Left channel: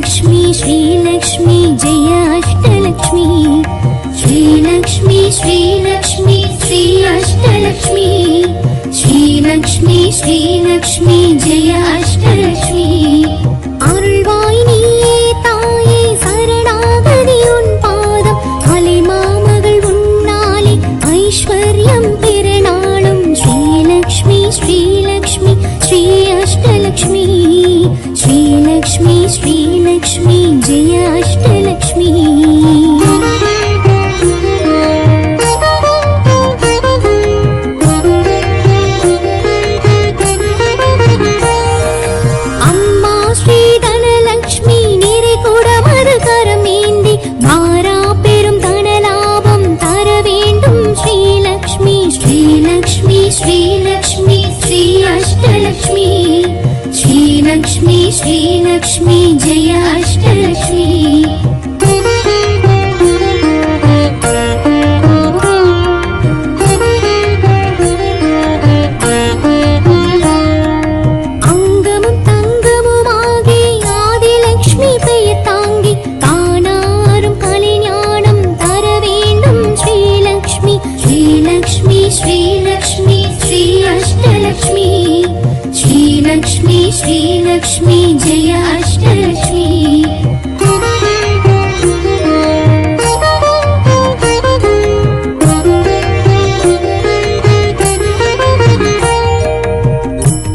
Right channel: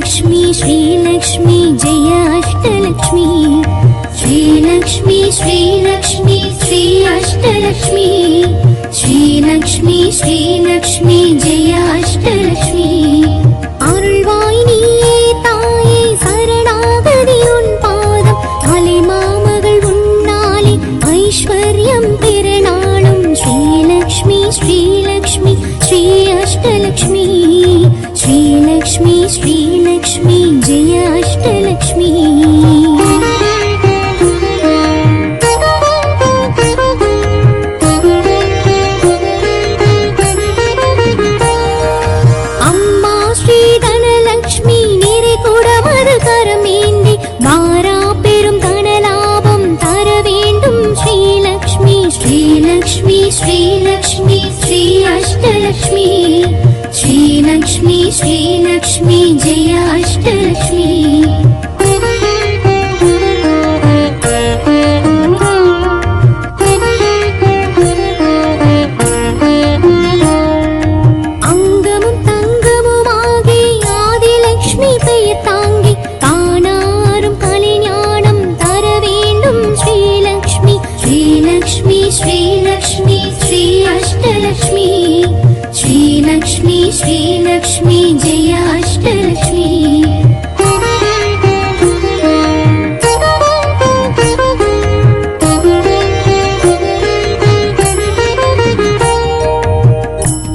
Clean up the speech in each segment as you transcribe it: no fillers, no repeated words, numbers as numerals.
श्रीलक्ष्मी श्रीलक्ष्मी जय अष्टलक्ष्मी श्रीलक्ष्मी श्रीलक्ष्मी श्री अष्टलक्ष्मी श्रीलक्ष्मी श्रीलक्ष्मी जय अष्टलक्ष्मी अरुள்வாய் நீயே தாயே சரணாகதி உன் பாதம் அலைமாமகள் உன்னாலே ஐஸ்வர்யம் பெறநாளும் श्रीलक्ष्मी श्रीलक्ष्मी श्री अष्टलक्ष्मी श्रीलक्ष्मी श्रीलक्ष्मी जय अष्टलक्ष्मी अम्मा श्री धनलक्ष्मी निरे कुडमது கரமேந்தி மாறா பெரும் தனலாபம் தர வேண்டும் श्रीलक्ष्मी श्रीलक्ष्मी श्रीलक्ष्मी श्री अष्टलक्ष्मी श्रीलक्ष्मी श्रीलक्ष्मी जय अष्टलक्ष्मी அங்கமும் தங்கமுமாகி ஆதிலக்ஷ்மி பெயர் தாங்கி தானாரும் கலைஞானம் தர வேண்டும் श्रीलक्ष्मी श्रीलक्ष्मी श्रीलक्ष्मी श्री अष्टलक्ष्मी श्रीलक्ष्मी श्रीलक्ष्मी जय अष्टलक्ष्मी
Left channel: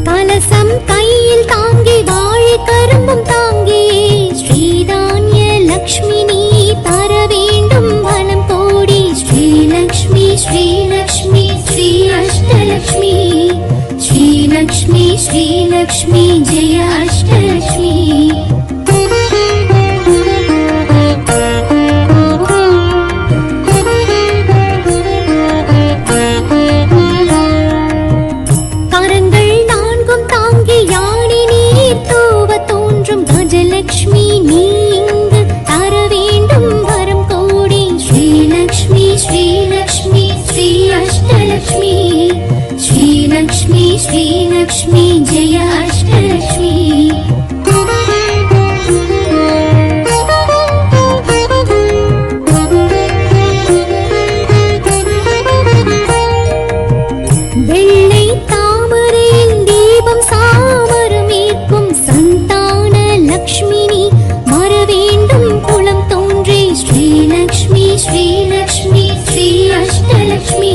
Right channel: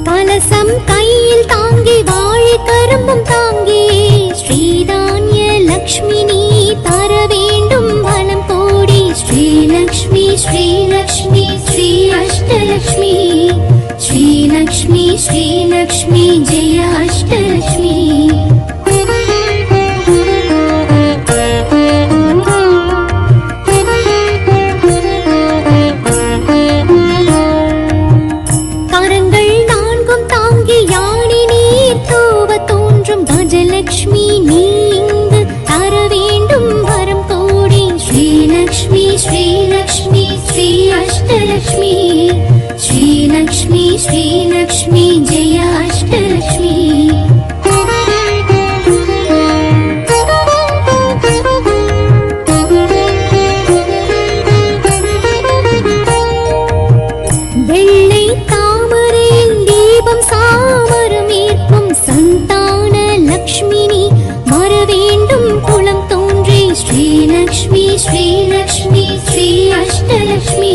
கலசம் கையில் தாங்கி வாழை கரும்பும் தாங்கியே ஸ்ரீதான்ய லக்ஷ்மி நீ தர வேண்டும் வனம் கோடி श्रीलक्ष्मी श्रीलक्ष्मी श्री अष्टलक्ष्मी श्रीलक्ष्मी श्रीलक्ष्मी जय अष्टलक्ष्मी கரங்கள் நான்கும் தாங்கி யானை நீர் தூவ தோன்றும் கஜலக்ஷ்மி நீ இங்கு தர வேண்டும் வரம் கோடி श्रीलक्ष्मी श्रीलक्ष्मी श्री अष्टलक्ष्मी श्रीलक्ष्मी श्रीलक्ष्मी जय अष्टलक्ष्मी வெள்ளை தாமரையில் தீபம் சாமரம் ஏற்கும் சந்தான லக்ஷ்மினி வர வேண்டும் குளம் தோன்றி श्रीलक्ष्मी श्रीलक्ष्मी श्री अष्टलक्ष्मी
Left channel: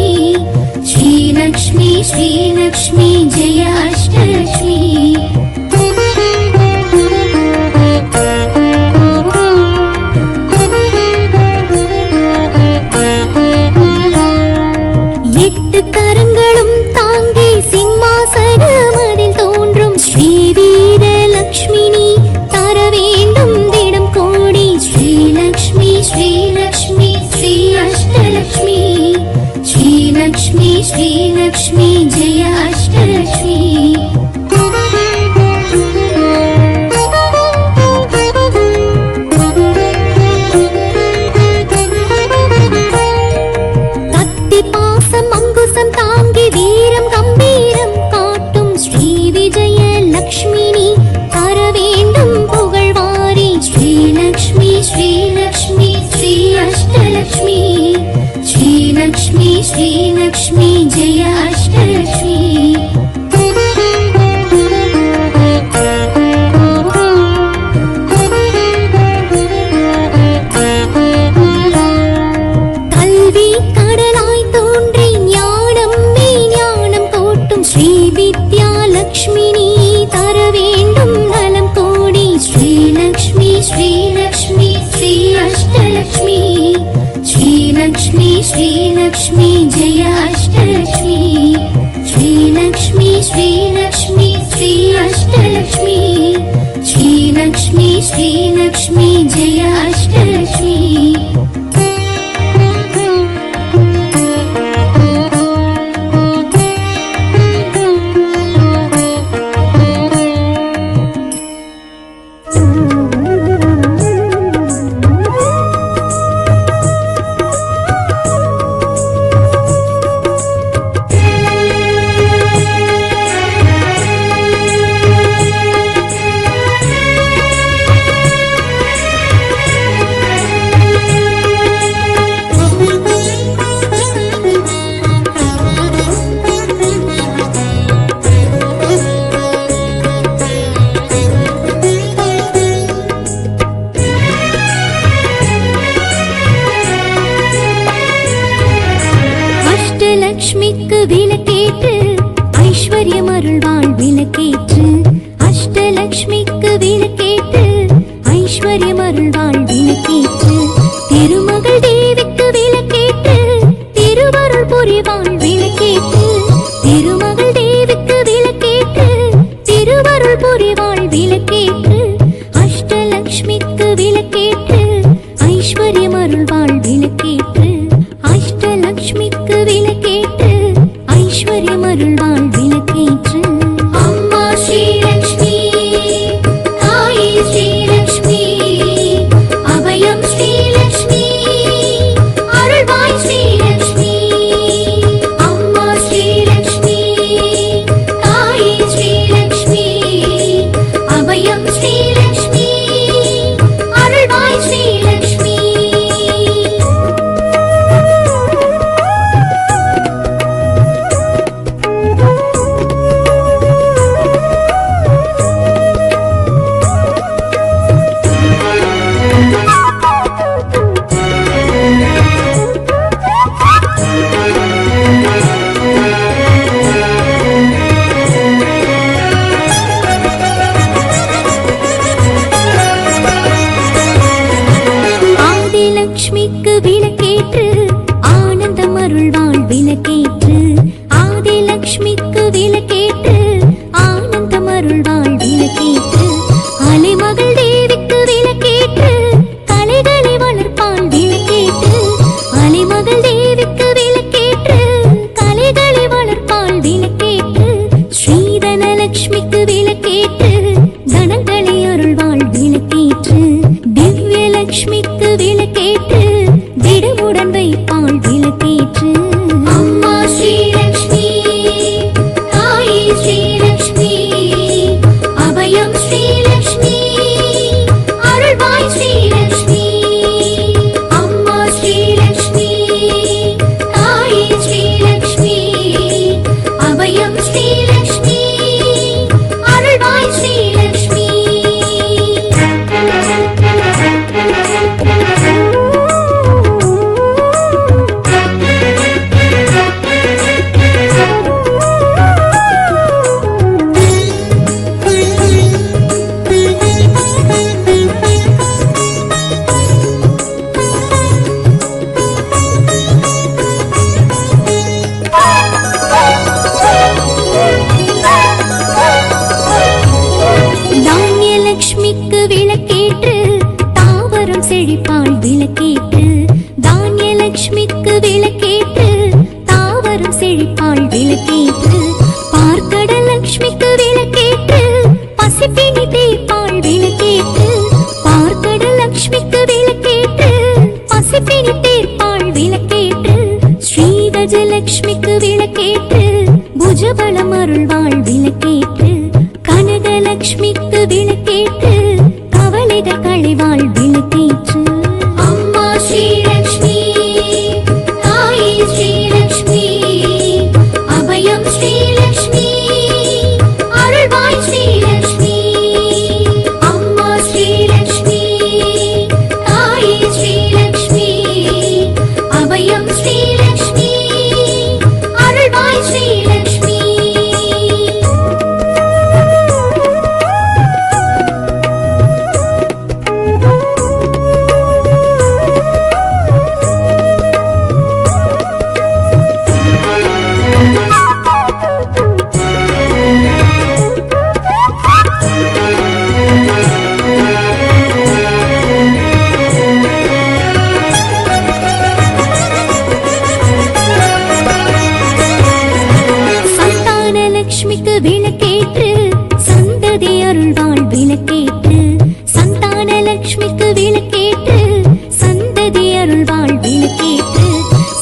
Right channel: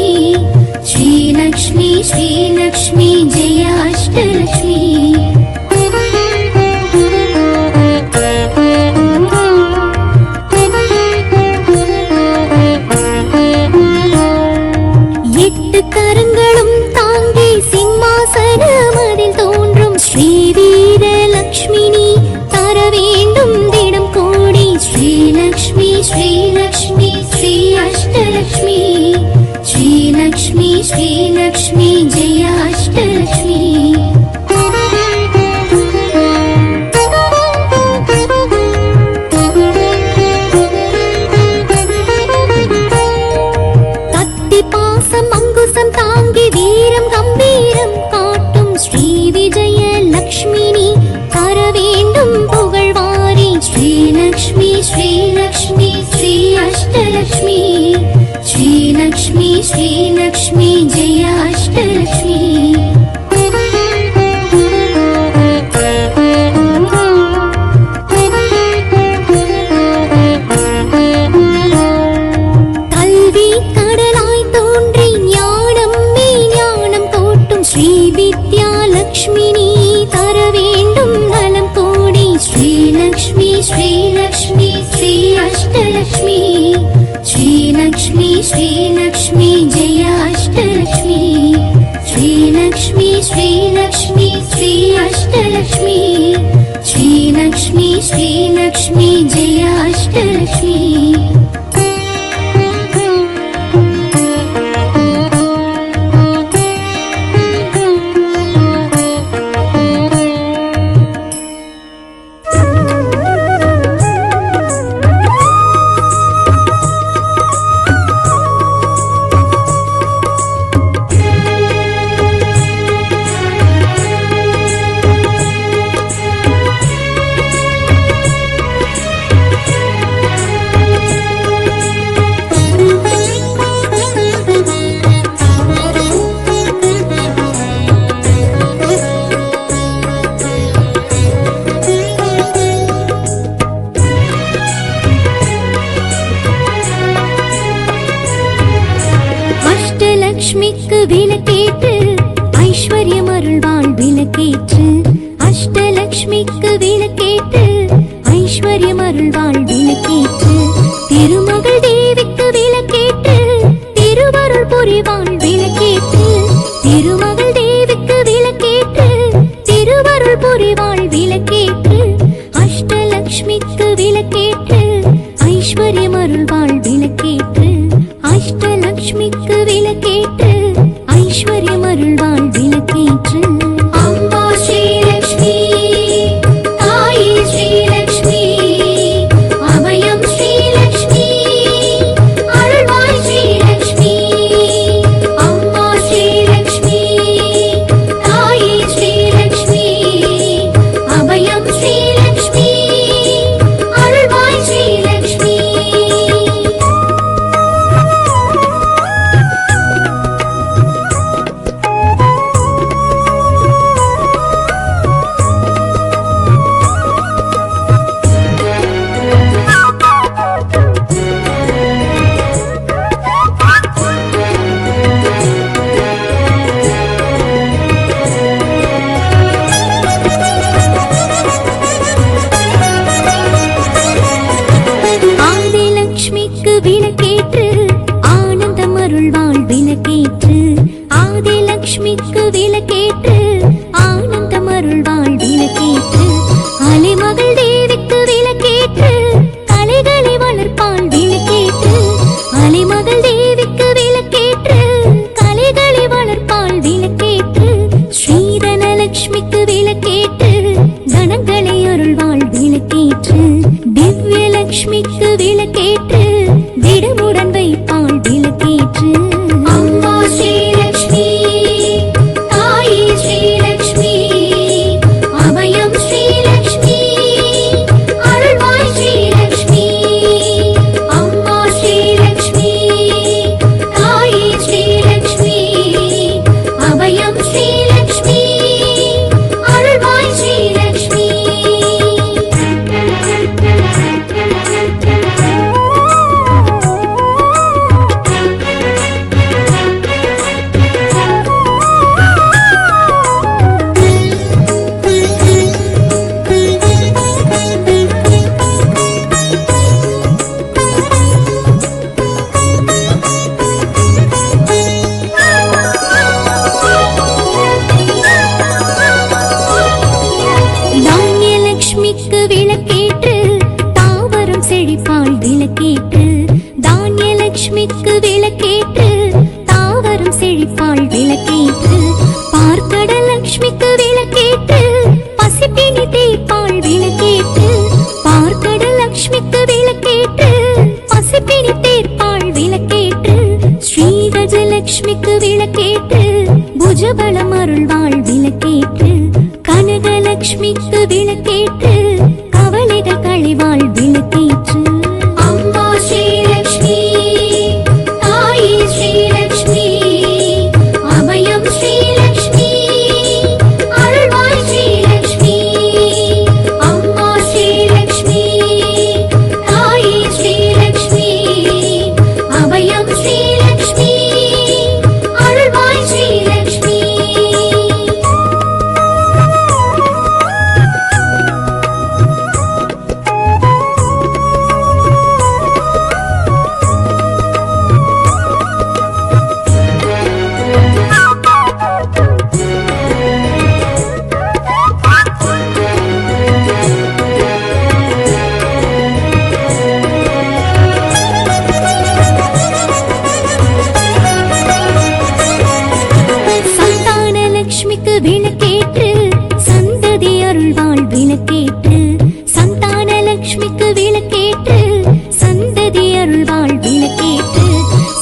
श्रीलक्ष्मी श्रीलक्ष्मी जय अष्टलक्ष्मी எட்டு கரங்களும் தாங்கி சிம்மாசனமதில் தோன்றும் ஸ்ரீவீர லக்ஷ்மினி தர வேண்டும் திடம் கோடி श्रीलक्ष्मी श्रीलक्ष्मी श्री अष्टलक्ष्मी श्रीलक्ष्मी श्रीलक्ष्मी जय अष्टलक्ष्मी கத்தி பாசம் அங்குசம் தாங்கி வீரம் கம்பீரம் காட்டும் ஸ்ரீ விஜய லக்ஷ்மினி தர வேண்டும் புகழ்வாரி श्रीलक्ष्मी श्रीलक्ष्मी श्री अष्टलक्ष्मी श्रीलक्ष्मी श्रीलक्ष्मी जय अष्टलक्ष्मी கல்வி கடலாய் தோன்றி ஞானம் மெய்ஞானம் கோட்டும் ஸ்ரீ வித்யா லக்ஷ்மினி தர வேண்டும் நலம் கோடி श्रीलक्ष्मी श्रीलक्ष्मी श्री अष्टलक्ष्मी श्रीलक्ष्मी श्रीलक्ष्मी जय अष्टलक्ष्मी श्रीलक्ष्मी श्रीलक्ष्मी श्री अष्टलक्ष्मी श्रीलक्ष्मी श्रीलक्ष्मी जय अष्टलक्ष्मी அஷ்டலக்ஷ்மிக்கு விளக்கேற்று ஐஸ்வர்யம் அருள்வாள் விளக்கேற்று அஷ்டலக்ஷ்மிக்கு விளக்கேற்று ஐஸ்வர்யம் அருள்வாள் விளக்கேற்று திருமகள் தேவிக்கு விளக்கேற்று திருவருள் புரிவாள் விளக்கேற்று திருமகள் தேவிக்கு விளக்கேற்று திருவருள் புரிவாள் விளக்கேற்று அஷ்டலக்ஷ்மிக்கு விளக்கேற்று ஐஸ்வர்யம் அருள்வாள் விளக்கேற்று அஷ்டலக்ஷ்மிக்கு விளக்கேற்று ஐஸ்வர்யம் அருள்வாள் விளக்கேற்று அம்மா ஸ்ரீலக்ஷ்மி தாயே ஸ்ரீலக்ஷ்மி அபயம் ஸ்ரீலக்ஷ்மி அருள்வாய் ஸ்ரீலக்ஷ்மி அம்மா ஸ்ரீலக்ஷ்மி தாயே ஸ்ரீலக்ஷ்மி அபயம் ஸ்ரீலக்ஷ்மி அருள்வாய் ஸ்ரீலக்ஷ்மி ஆதிலக்ஷ்மிக்கு விளக்கேற்று ஆனந்தம் அருள்வாள் விளக்கேற்று ஆதிலக்ஷ்மிக்கு விளக்கேற்று ஆனந்தம் அருள்வாள் விளக்கேற்று அலைமகள் தேவிக்கு விளக்கேற்று கலைகளை வளர்ப்பாள் விளக்கேற்று அலைமகள் தேவிக்கு விளக்கேற்று கலைகளை வளர்ப்பாள் விளக்கேற்று ஸ்ரீதனலக்ஷ்மிக்கு விளக்கேற்று தனங்களை அருள்வாள் விளக்கேற்று திவ்யலக்ஷ்மிக்கு விளக்கேற்று திடமுடன் வைப்பாள் விளக்கேற்று அம்மா ஸ்ரீலக்ஷ்மி தாயே ஸ்ரீலக்ஷ்மி அபயம் ஸ்ரீலக்ஷ்மி அருள்வாய் ஸ்ரீலக்ஷ்மி அம்மா ஸ்ரீலக்ஷ்மி தாயே ஸ்ரீலக்ஷ்மி அபயம் ஸ்ரீலக்ஷ்மி அருள்வாய் ஸ்ரீலக்ஷ்மி தானியலக்ஷ்மிக்கு விளக்கேற்று தாவரம் செழிப்பாள் விளக்கேற்று தானியலக்ஷ்மிக்கு விளக்கேற்று தாவரம் செழிப்பாள் விளக்கேற்று பார்க்கடலக்ஷ்மிக்கு விளக்கேற்று பசிப்பினி தீர்ப்பாள் விளக்கேற்று பார்க்கடலக்ஷ்மிக்கு விளக்கேற்று பசிப்பினி தீர்ப்பாள் விளக்கேற்று ஸ்ரீகஜலக்ஷ்மிக்கு விளக்கேற்று புஜபலம் அருள்வாள் விளக்கேற்று கனகலக்ஷ்மிக்கு விளக்கேற்று கவலைகள் களைவாள் விளக்கேற்று அம்மா ஸ்ரீலக்ஷ்மி தாயே ஸ்ரீலக்ஷ்மி அபயம் ஸ்ரீலக்ஷ்மி அருள்வாய் ஸ்ரீலக்ஷ்மி அம்மா ஸ்ரீலக்ஷ்மி தாயே ஸ்ரீலக்ஷ்மி அபயம் ஸ்ரீலக்ஷ்மி அருள்வாய் ஸ்ரீலக்ஷ்மி சந்தானலக்ஷ்மிக்கு விளக்கேற்று சந்ததி அருள்வாள் விளக்கேற்று சந்தானலக்ஷ்மிக்கு விளக்கேற்று சந்ததி அருள்வாள் விளக்கேற்று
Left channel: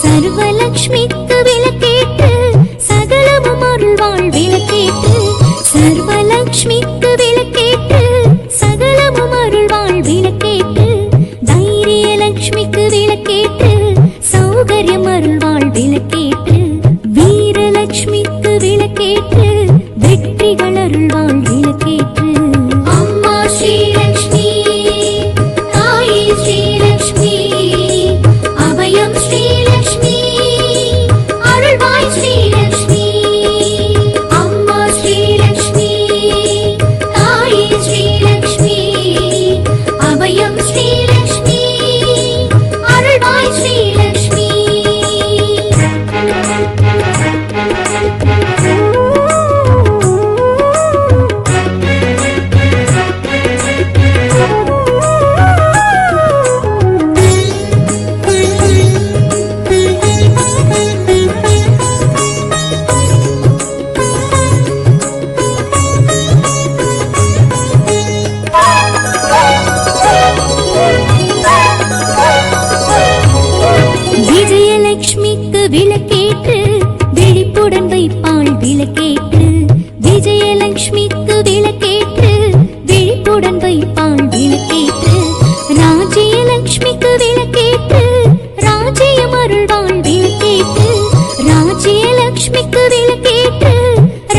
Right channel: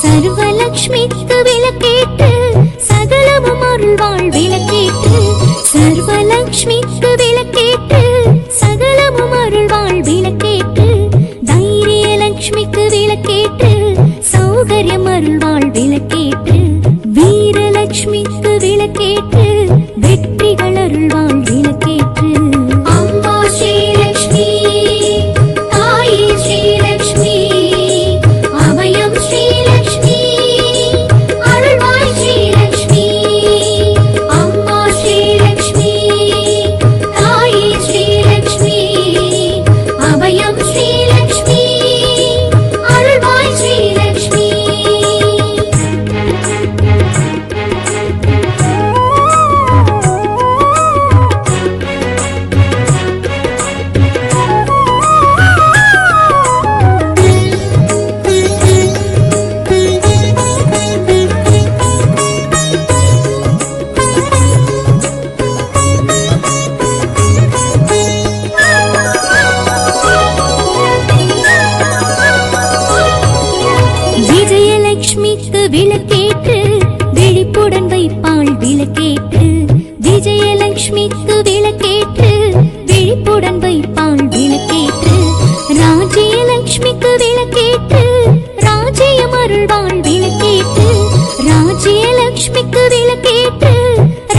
சர்வலக்ஷ்மிக்கு விளக்கேற்று சகலமும் அருள்வாள் விளக்கேற்று சர்வலக்ஷ்மிக்கு விளக்கேற்று சகலமும் அருள்வாள் விளக்கேற்று தைரியலக்ஷ்மிக்கு விளக்கேற்று சௌகரியம் அருள்வாள் விளக்கேற்று வீரலக்ஷ்மிக்கு விளக்கேற்று வெற்றிகள் அருள்வாள் விளக்கேற்று அம்மா ஸ்ரீலக்ஷ்மி தாயே ஸ்ரீலக்ஷ்மி அபயம் ஸ்ரீலக்ஷ்மி அருள்வாய் விஜயலட்சுமிக்கு விளக்கேற்று விழிப்புடன் வைப்பாள் விளக்கேற்று விஜயலட்சுமிக்கு விளக்கேற்று விழிப்புடன் வைப்பாள் விளக்கேற்று ராஜ்யலட்சுமிக்கு விளக்கேற்று ராஜ்யம் அருள்வாள் விளக்கேற்று ராஜ்யலட்சுமிக்கு விளக்கேற்று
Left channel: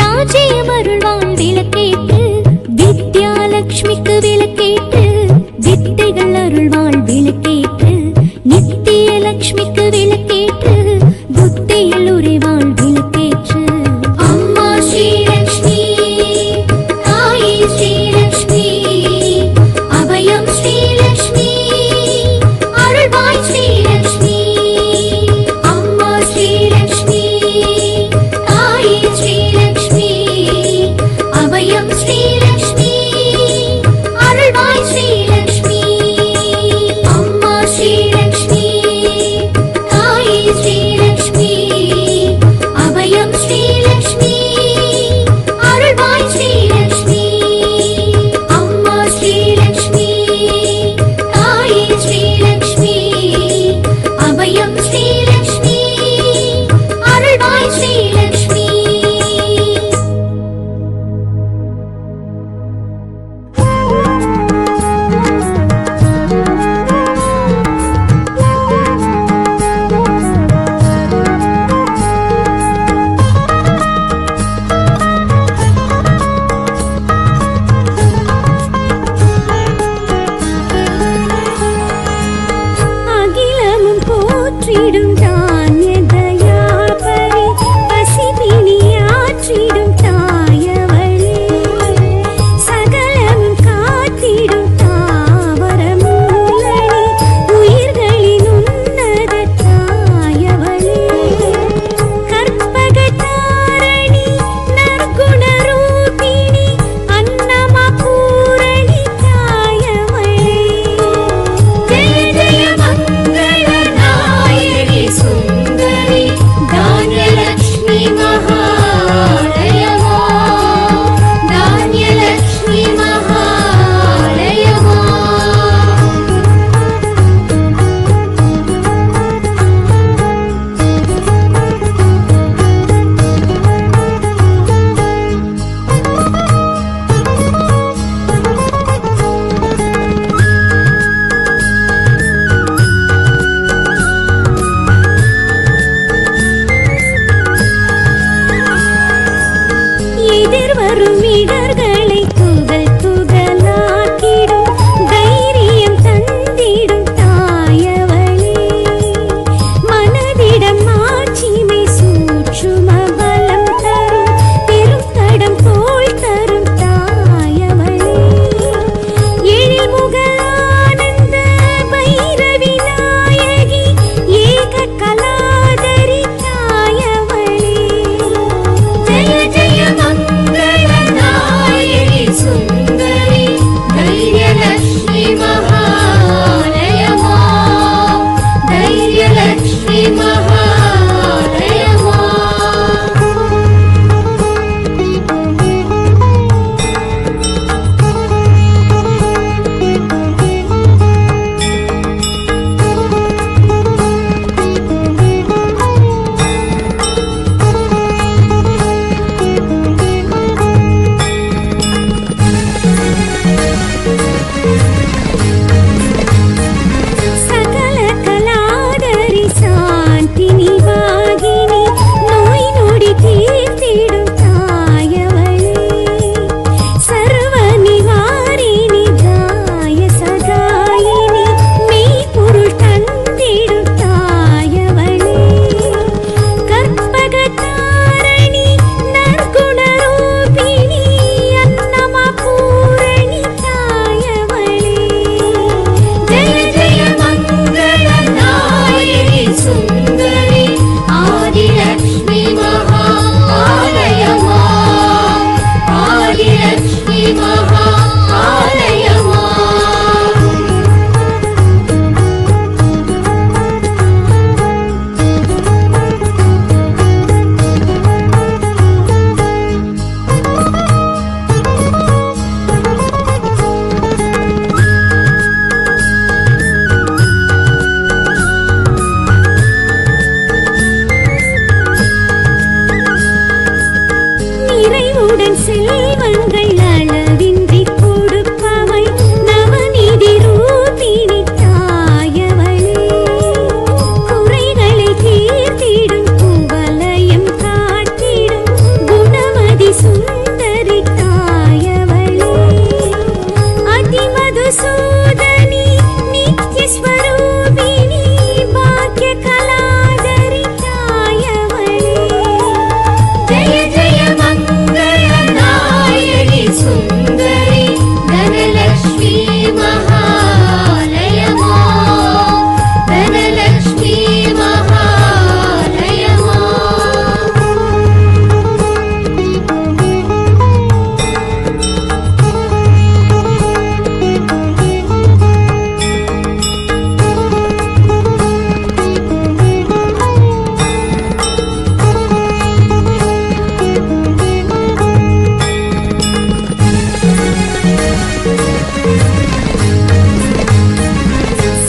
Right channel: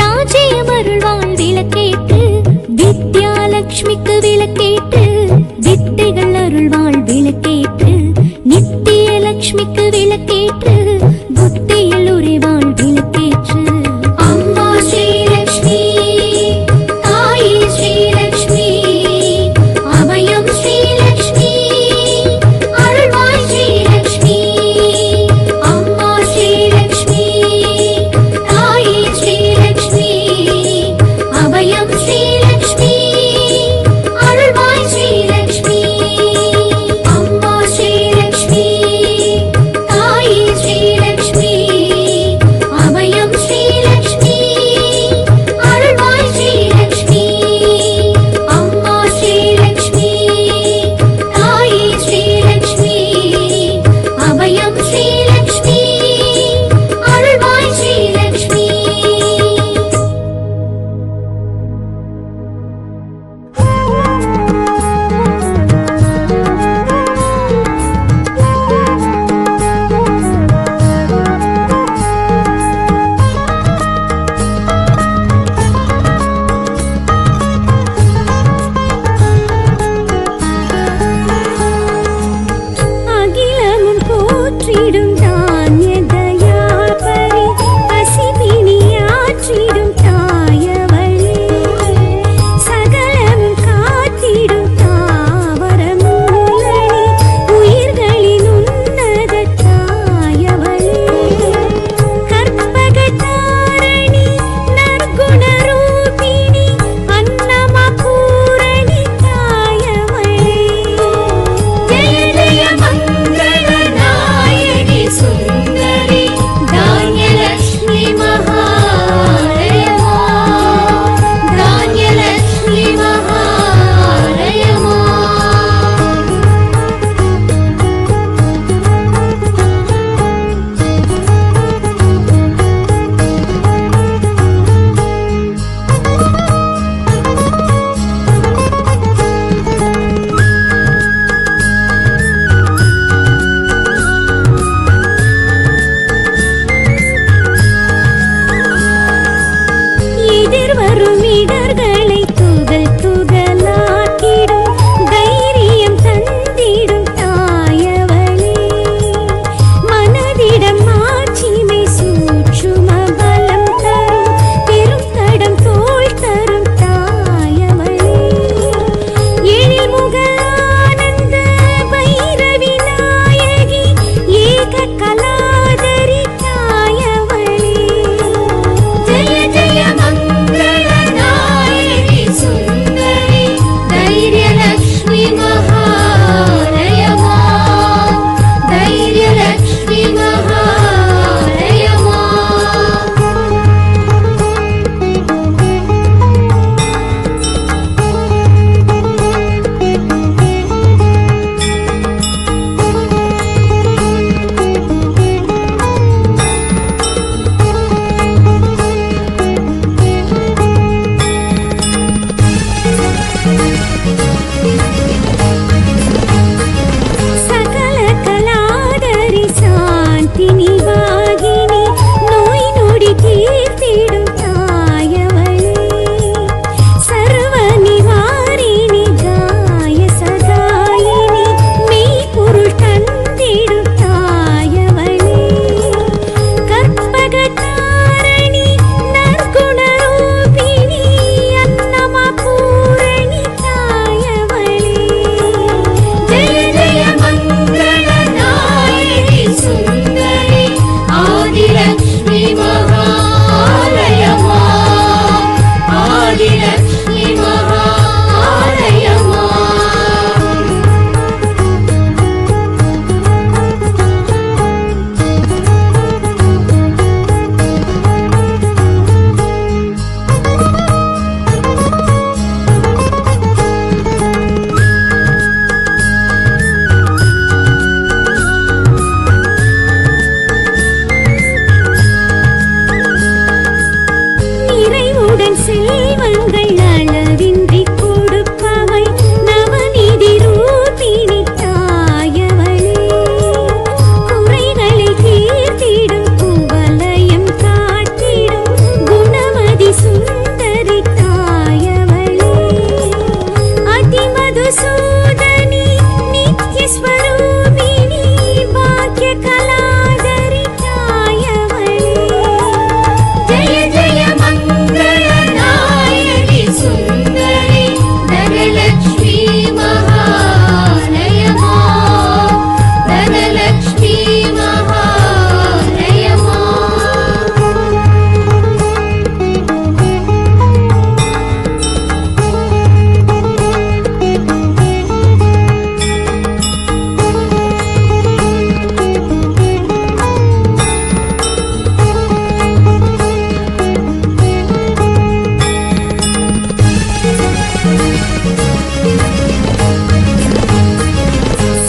ராஜ்யம் அருள்வாள் விளக்கேற்று வித்யாலட்சுமிக்கு விளக்கேற்று வித்தைகள் அருள்வாள் விளக்கேற்று நித்தியலட்சுமிக்கு விளக்கேற்று புத்தியில் உறைவாள் விளக்கேற்று அம்மா ஸ்ரீலக்ஷ்மி தாயே ஸ்ரீலக்ஷ்மி அபயம் ஸ்ரீலக்ஷ்மி அருள்வாய் ஸ்ரீலக்ஷ்மி அம்மா ஸ்ரீலக்ஷ்மி தாயே ஸ்ரீலக்ஷ்மி அபயம் ஸ்ரீலக்ஷ்மி அருள்வாய் ஸ்ரீலக்ஷ்மி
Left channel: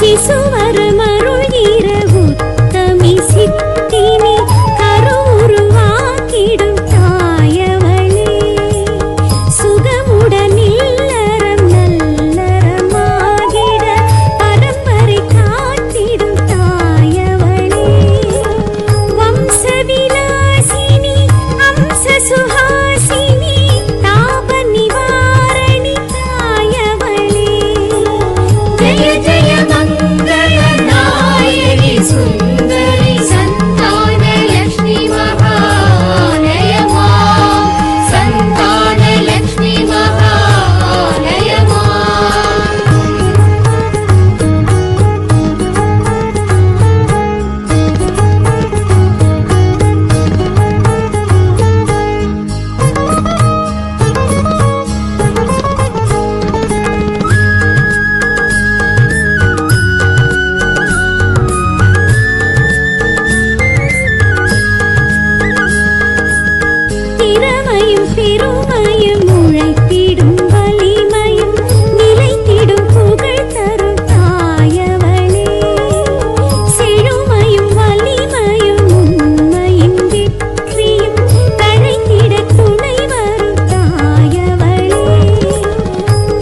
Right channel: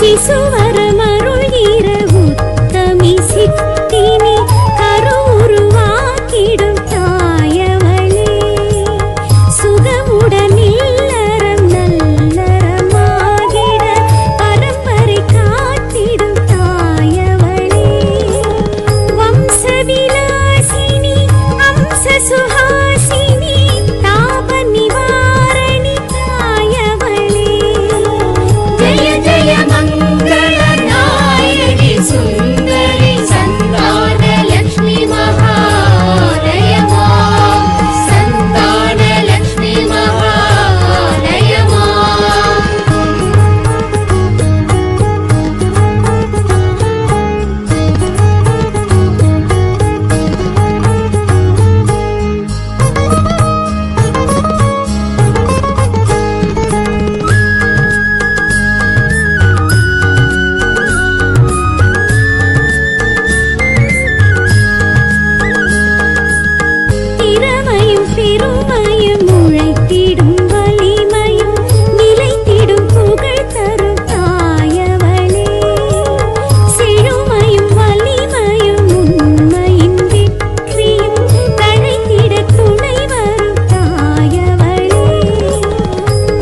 சிசுவரமருள்கிற உத்தமி சித்தினி கருவுருவாக்கிடும் தாயவளே சுகமுடன் இல்லறம் நல்லறமாகிட பரம்பரை காத்திடும் தாயவளே வம்சவிலாசினி அம்ச சுஹாசினி தாப நிவாரணி தாயவளே ஜெய ஜெய மங்களநாயகி சுந்தரி சந்தான லக்ஷ்மி மகாலயமா சந்தான லக்ஷ்மி மகாலயமா திறமையும் பெருமையும் உழைத்திடும் வலிமையும் நிலைத்திடும் புகழ் தரும் தாயவளே செழுமையும் வலிமையும் உண்மையின் வெற்றியும் தழைத்திட துணை வரும் தாயவளே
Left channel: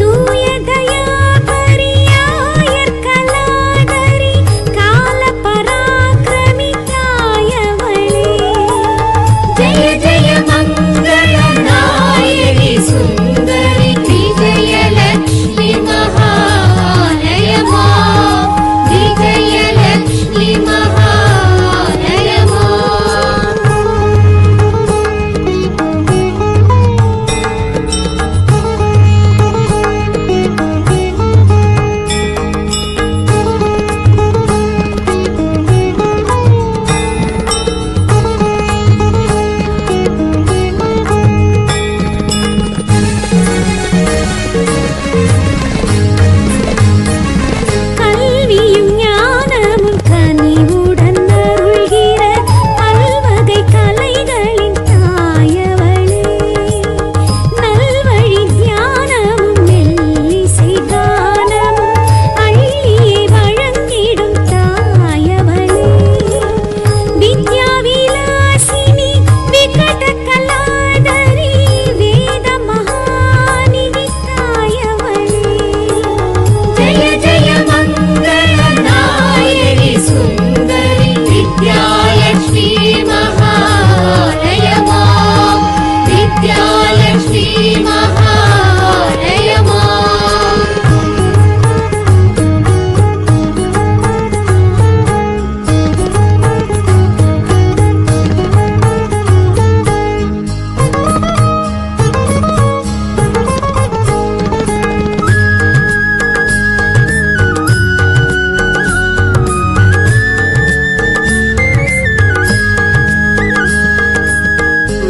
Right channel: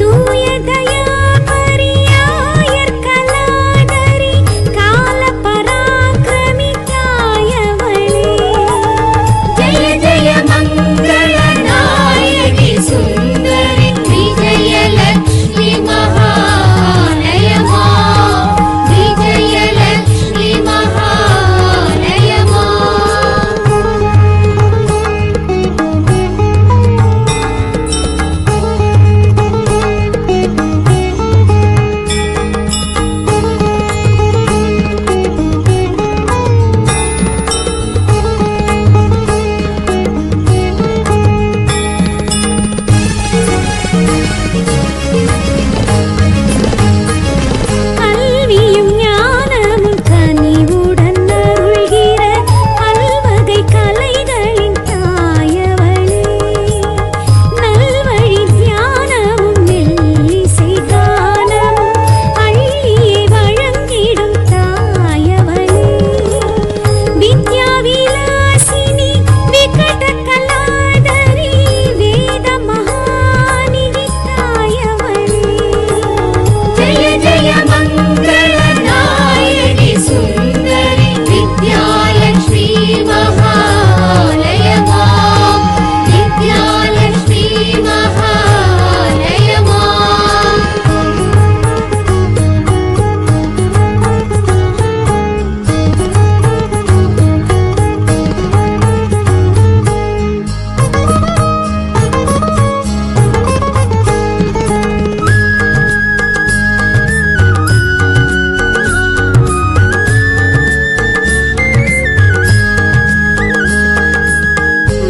தூய தயா பரியாயர் கலாதரி கால பராக்கிரமி தாயவளே ஜெய ஜெய மங்களநாயகி சுந்தரி விஜயலக்ஷ்மி மகாலயமா விஜயலக்ஷ்மி மகாலயமா கல்வியும் ஞானமும் கனிவுடன் அருள்கிற பல்வகை கலைகளின் தாயவளே நல்வழி தியானமும் மெல்லிசை கானமும் அள்ளியே வழங்கிடும் தாயவளே வித்யா விலாசினி விகட கலாதரி வேத மகாநிதி தாயவளே ஜெய ஜெய மங்களநாயகி சுந்தரி வித்யாலக்ஷ்மி மகாலயமா வித்யாலக்ஷ்மி மகாலயமா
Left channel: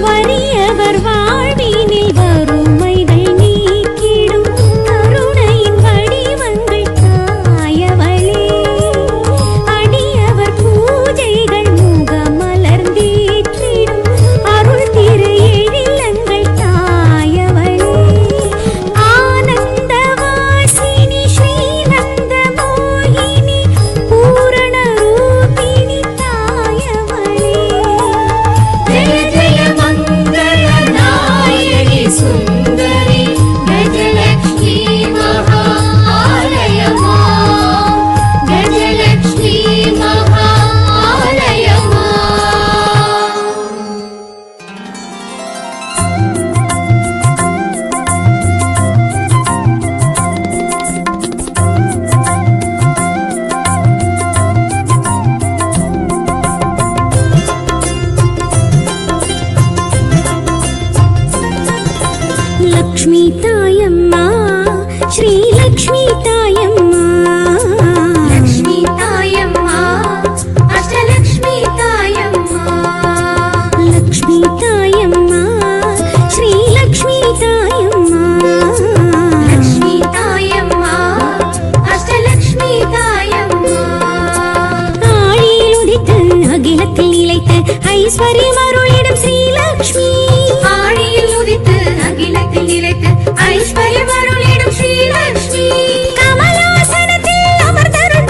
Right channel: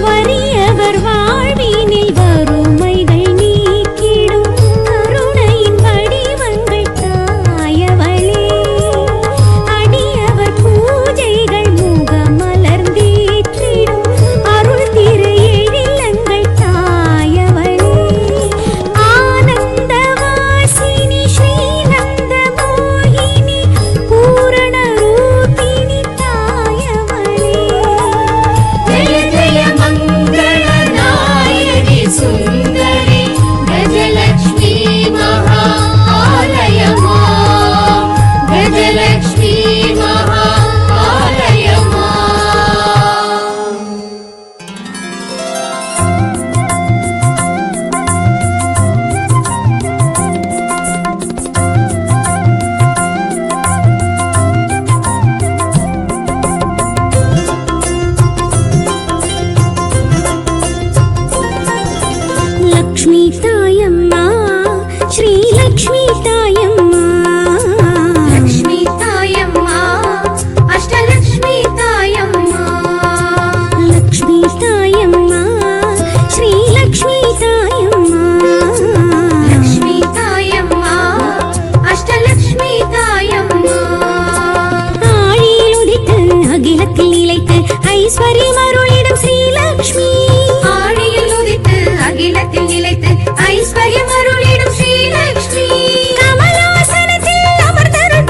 வறியவர் வாழ்வினில் வறுமைகள் நீக்கிடும் கருணையின் வடிவங்கள் தாயவளே அடியவர் பூஜைகள் முகமலர்ந்தேற்றிடும் அருள் திரு எழிலங்கள் தாயவளே ஆனந்தவாசினி ஸ்ரீநந்த மோகினி பூரண ரூபிணி தாயவளே ஜெய ஜெய மங்களநாயகி சுந்தரி கஜலக்ஷ்மி மகாலயமா கஜலக்ஷ்மி மகாலயமா லக்ஷ்மி தாயம்மா ஸ்ரீ லக்ஷ்மி தாயம்மா லக்ஷ்மி தாயம்மா அஷ்டலக்ஷ்மி தாயம்மா லக்ஷ்மி தாயம்மா ஸ்ரீ லக்ஷ்மி தாயம்மா லக்ஷ்மி தாயம்மா அஷ்டலக்ஷ்மி தாயம்மா ஆழியில் உதித்து அகிலத்தில் நிலைத்து ஐஸ்வர்யம் அருளிடும் ஸ்ரீலக்ஷ்மி ஆழியில் உதித்து அகிலத்தில் நிலைத்து ஐஸ்வர்யம் அருளிடும் ஸ்ரீலக்ஷ்மி கமலாசனத்தில் அமர்ந்தருள்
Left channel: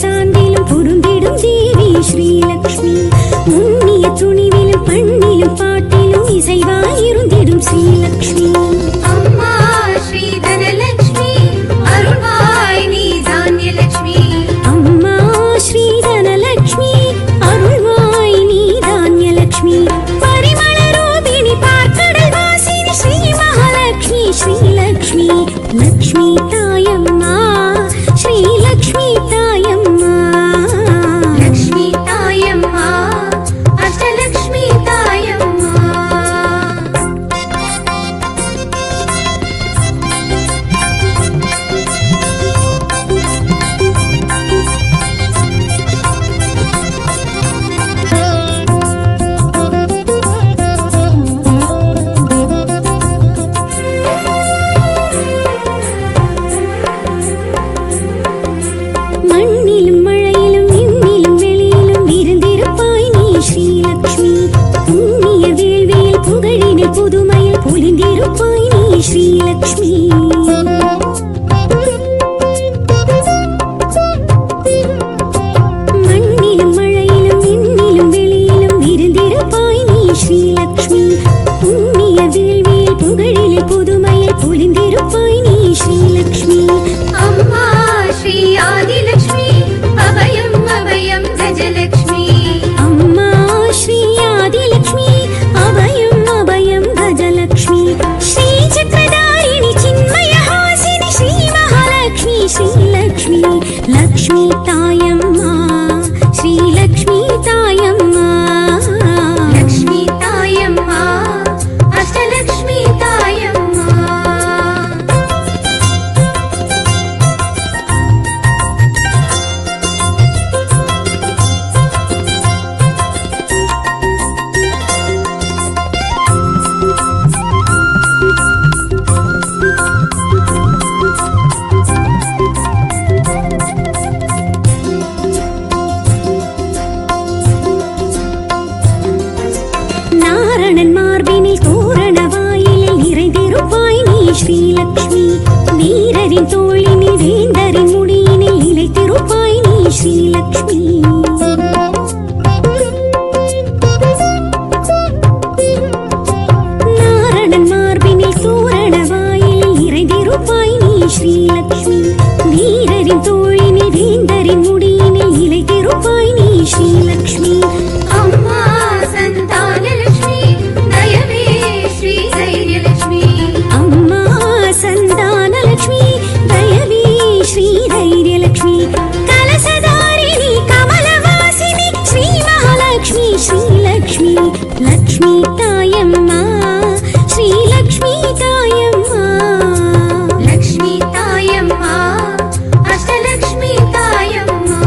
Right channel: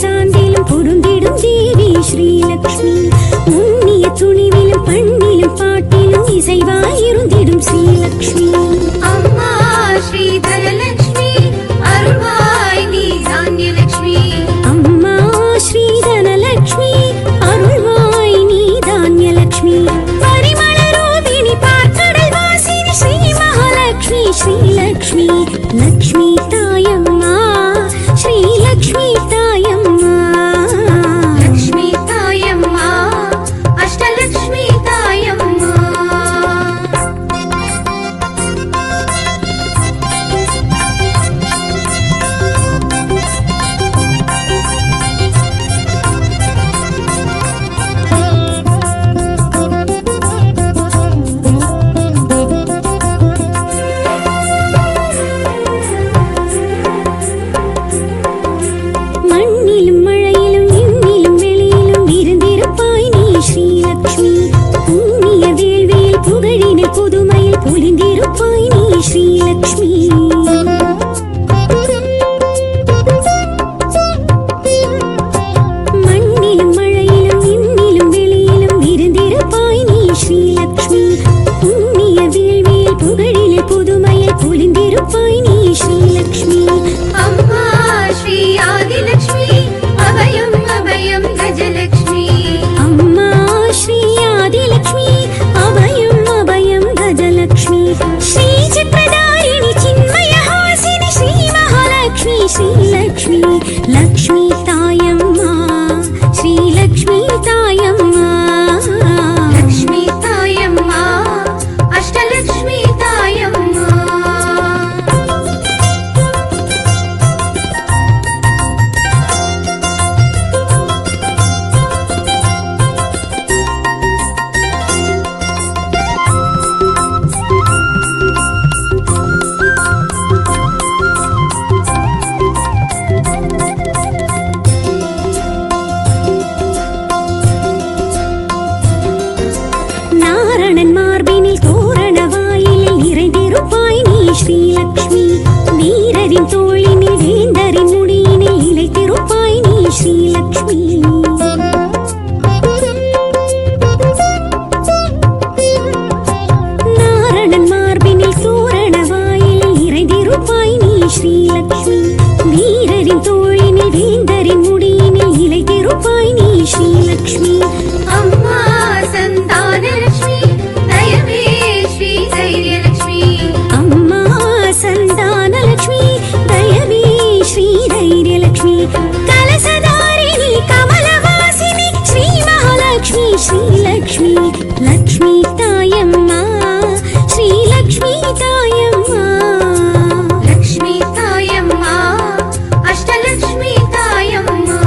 சாந்திலும் பொருந்திடும் தேவி ஸ்ரீலக்ஷ்மி. முன்னிய துணிவிலும் பண்ணிலும் பாட்டிலும் இசைவாயிருந்திடும் ஸ்ரீலக்ஷ்மி. அம்மா ஸ்ரீ தனலக்ஷ்மி அருள்வாய் நீ தானியலக்ஷ்மி. அம்மா ஸ்ரீ தனலக்ஷ்மி அருள்வாய் நீ தானியலக்ஷ்மி. பரிமள ரூபிணி பார்க்கடல் வாசினி ஸ்ரீ மகாலக்ஷ்மி ஸ்ரீலக்ஷ்மி. லக்ஷ்மி தாயம்மா ஸ்ரீலக்ஷ்மி தாயம்மா. லக்ஷ்மி தாயம்மா அஷ்டலக்ஷ்மி தாயம்மா. மண்ணிலும் மழையிலும் விண்ணிலும் வெளியிலும் இருந்திருப்பாய் நீ ஸ்ரீலக்ஷ்மி. புண்ணிய வேள்வியில் புகழினில் புதுமையில் பொலிந்திருப்பாய் நீ ஸ்ரீலக்ஷ்மி. மண்ணிலும் மழையிலும் விண்ணிலும் வெளியிலும் இருந்திருப்பாய் நீ ஸ்ரீலக்ஷ்மி. புண்ணிய வேள்வியில் புகழினில் புதுமையில் பொலிந்திருப்பாய் நீ ஸ்ரீலக்ஷ்மி. அம்மா ஸ்ரீ ஆதிலக்ஷ்மி அபயம் அபயம் கஜலக்ஷ்மி. அம்மா ஸ்ரீ ஆதிலக்ஷ்மி அபயம் அபயம் கஜலக்ஷ்மி. ஸ்ரீ சக்கரதாரிணி சின்மயஹாசினி ஸ்ரீ மகாலக்ஷ்மி ஸ்ரீலக்ஷ்மி. லக்ஷ்மி தாயம்மா ஸ்ரீலக்ஷ்மி தாயம்மா. லக்ஷ்மி தாயம்மா அஷ்டலக்ஷ்மி தாயம்மா. நாரணன் மார்பினில் தோரண வாயிலில் நிறைந்திருப்பாய் நீ ஸ்ரீலக்ஷ்மி. வீரரின் தோளினில் வேந்தரின் முடியினில் நிலைத்திருப்பாய் நீ ஸ்ரீலக்ஷ்மி. நாரணன் மார்பினில் தோரண வாயிலில் நிறைந்திருப்பாய் நீ ஸ்ரீலக்ஷ்மி. வீரரின் தோளினில் வேந்தரின் முடியினில் நிலைத்திருப்பாய் நீ ஸ்ரீலக்ஷ்மி. அம்மா சந்தானலக்ஷ்மி தயவே ஸ்ரீ தைரியலக்ஷ்மி. அம்மா சந்தானலக்ஷ்மி தயவே ஸ்ரீ தைரியலக்ஷ்மி. கலசதாரிணி கமலவாசினி ஸ்ரீ மகாலக்ஷ்மி ஸ்ரீலக்ஷ்மி. லக்ஷ்மி தாயம்மா ஸ்ரீலக்ஷ்மி தாயம்மா. லக்ஷ்மி தாயம்மா அஷ்டலக்ஷ்மி தாயம்மா.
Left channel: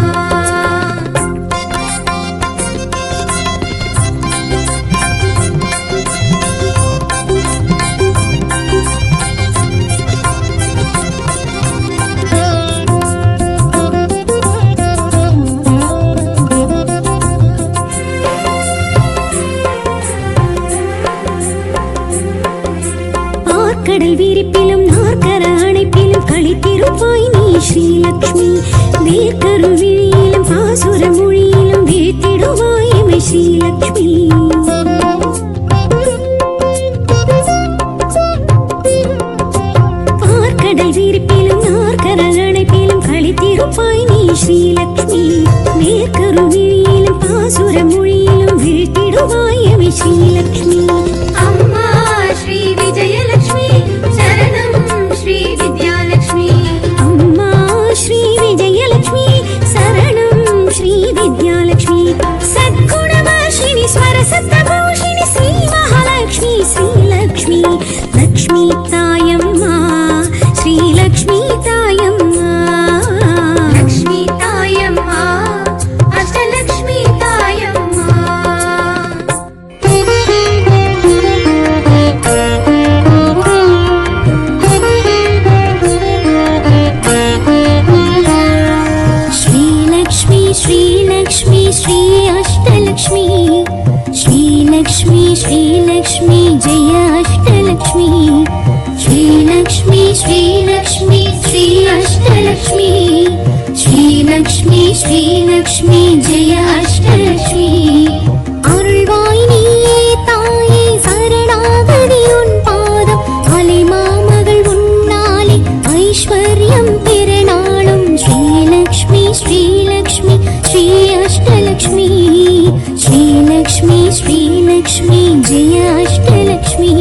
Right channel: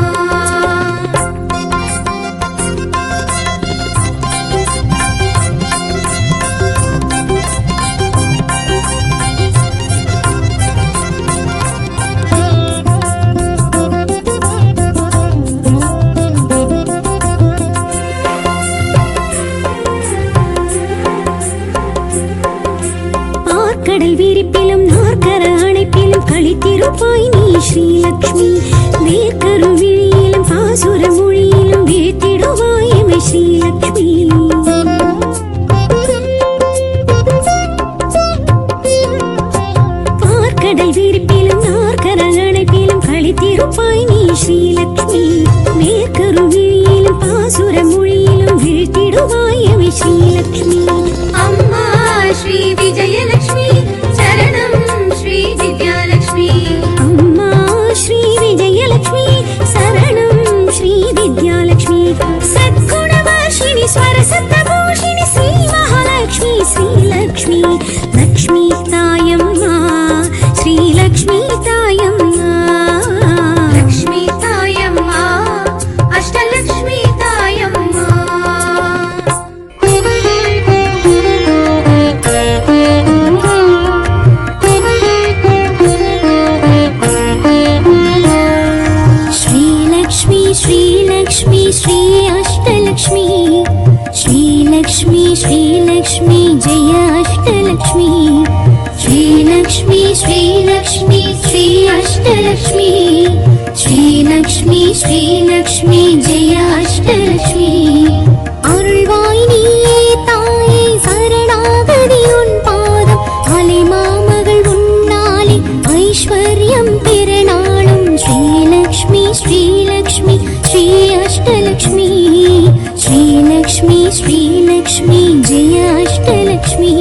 கடல் விரிப்பிலும் நாற்கர அணைப்பிலும் களித்திருப்பாய் நீ ஸ்ரீலக்ஷ்மி. வேர்க்கரு விழியிலும் பாசுர மொழியிலும் வீழ்த்திடுவாய் எமை ஸ்ரீலக்ஷ்மி. பார்க்கடல் விரிப்பிலும் நாற்கர அணைப்பிலும் களித்திருப்பாய் நீ ஸ்ரீலக்ஷ்மி. வேர்க்கரு விழியிலும் பாசுர மொழியிலும் வீழ்த்திடுவாய் எமை ஸ்ரீலக்ஷ்மி. அம்மா ஸ்ரீ விஜயலக்ஷ்மி சரணம் ஸ்ரீ வித்யாலக்ஷ்மி. அம்மா ஸ்ரீ விஜயலக்ஷ்மி சரணம் ஸ்ரீ வித்யாலக்ஷ்மி. சத்குணவாஷினி ஸ்வரசப்தபூஷிணி ஸ்ரீ மகாலக்ஷ்மி ஸ்ரீலக்ஷ்மி. லக்ஷ்மி தாயம்மா ஸ்ரீலக்ஷ்மி தாயம்மா. லக்ஷ்மி தாயம்மா அஷ்டலக்ஷ்மி தாயம்மா. श्रीलक्ष्मी श्री अष्टलक्ष्मी. श्रीलक्ष्मी श्रीलक्ष्मी जय अष्टलक्ष्मी. श्रीलक्ष्मी श्रीलक्ष्मी श्री अष्टलक्ष्मी. ஸ்ரீலக்ஷ்மி ஸ்ரீலக்ஷ்மி ஜெய அஷ்டலக்ஷ்மி அருள்வாய் நீயே தாயே சரணாகதி உன் பாதம் அலை மாமகள் உன்னாலே ஐஸ்வர்யம் பெறநாளும் ஸ்ரீலக்ஷ்மி ஸ்ரீலக்ஷ்மி ஸ்ரீ அஷ்டலக்ஷ்மி ஸ்ரீலக்ஷ்மி ஸ்ரீலக்ஷ்மி ஜெய அஷ்டலக்ஷ்மி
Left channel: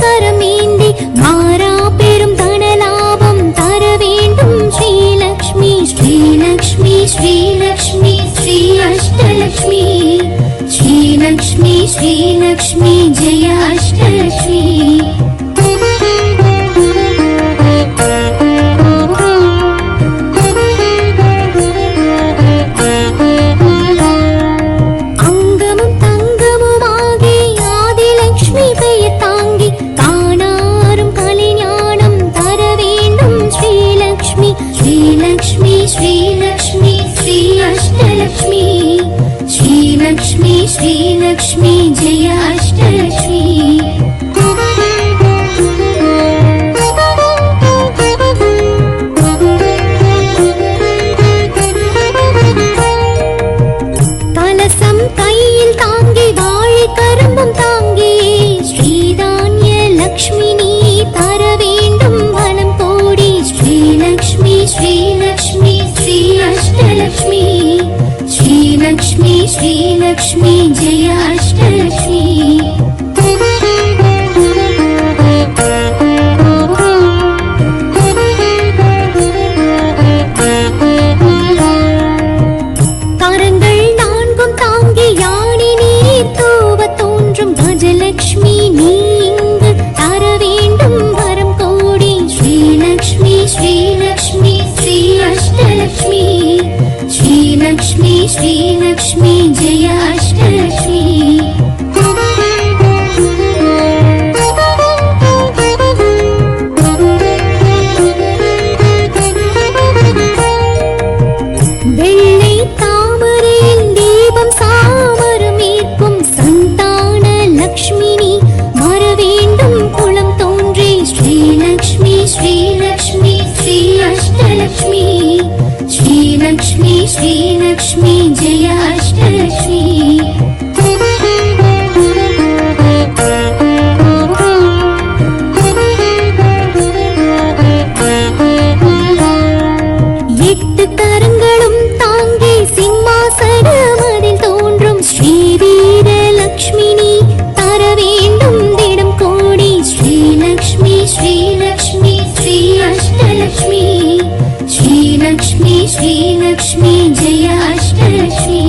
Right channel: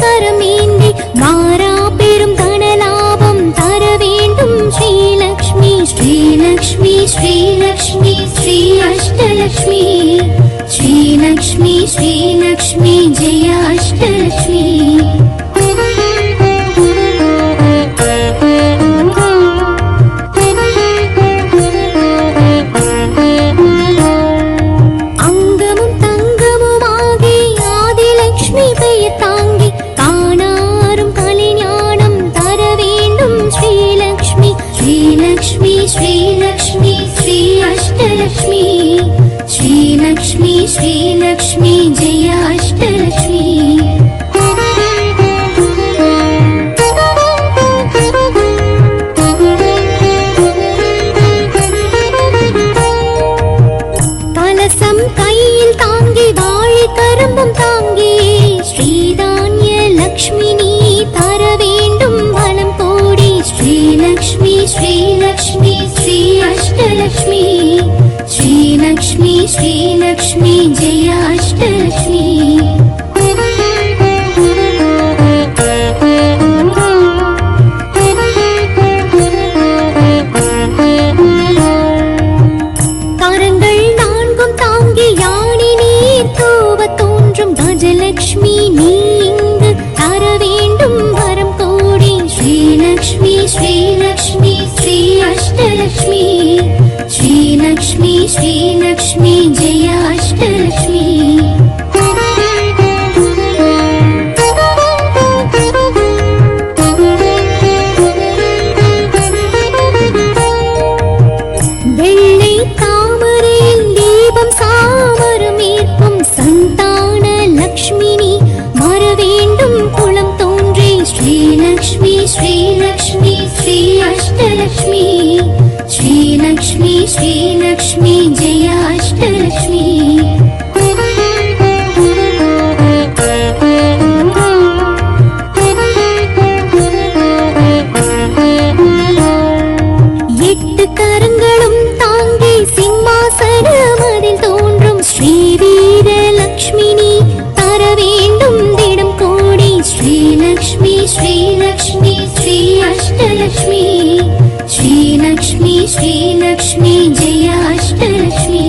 கரமேந்தி மாறா பெரும் தனலாபம் தர வேண்டும் ஸ்ரீலக்ஷ்மி ஸ்ரீலக்ஷ்மி ஸ்ரீலக்ஷ்மி ஸ்ரீ அஷ்டலக்ஷ்மி ஸ்ரீலக்ஷ்மி ஸ்ரீலக்ஷ்மி ஜெய அஷ்டலக்ஷ்மி அங்கமும் தங்கமுமாகி ஆதிலக்ஷ்மி பெயர் தாங்கி காணாரும் கலைஞானம் தர வேண்டும் ஸ்ரீலக்ஷ்மி ஸ்ரீலக்ஷ்மி ஸ்ரீலக்ஷ்மி ஸ்ரீ அஷ்டலக்ஷ்மி ஸ்ரீலக்ஷ்மி ஸ்ரீலக்ஷ்மி ஜெய அஷ்டலக்ஷ்மி கலசம் கையில் தாங்கி வாழை கரும்பும் தாங்கி ஸ்ரீதான்ய லக்ஷ்மி நீ தர வேண்டும் வனம் கோடி ஸ்ரீலக்ஷ்மி ஸ்ரீலக்ஷ்மி ஸ்ரீ அஷ்டலக்ஷ்மி ஸ்ரீலக்ஷ்மி ஸ்ரீலக்ஷ்மி ஜெய அஷ்டலக்ஷ்மி கரங்கள் நான்கும் தாங்கி யானை நீர் தூவ தோன்றும் கஜலக்ஷ்மி நீ இங்கு தர வேண்டும் வரம் கோடி ஸ்ரீலக்ஷ்மி ஸ்ரீலக்ஷ்மி ஸ்ரீ அஷ்டலக்ஷ்மி ஸ்ரீலக்ஷ்மி ஸ்ரீலக்ஷ்மி ஜெய அஷ்டலக்ஷ்மி வெள்ளை தாமரையில் தீபம் சாமரம் ஏற்கும் சந்தான லக்ஷ்மினி வர வேண்டும் குளம் தோன்றி ஸ்ரீலக்ஷ்மி ஸ்ரீலக்ஷ்மி ஸ்ரீ அஷ்டலக்ஷ்மி ஸ்ரீலக்ஷ்மி ஸ்ரீலக்ஷ்மி ஜெய அஷ்டலக்ஷ்மி எட்டு கரங்களும் தாங்கி சிம்மாசனம் அதில் தோன்றும் ஸ்ரீ வீரலக்ஷ்மினி தர வேண்டும் திடம் கோடி ஸ்ரீலக்ஷ்மி ஸ்ரீலக்ஷ்மி ஸ்ரீ அஷ்டலக்ஷ்மி ஸ்ரீலக்ஷ்மி ஸ்ரீலக்ஷ்மி ஜெய அஷ்டலக்ஷ்மி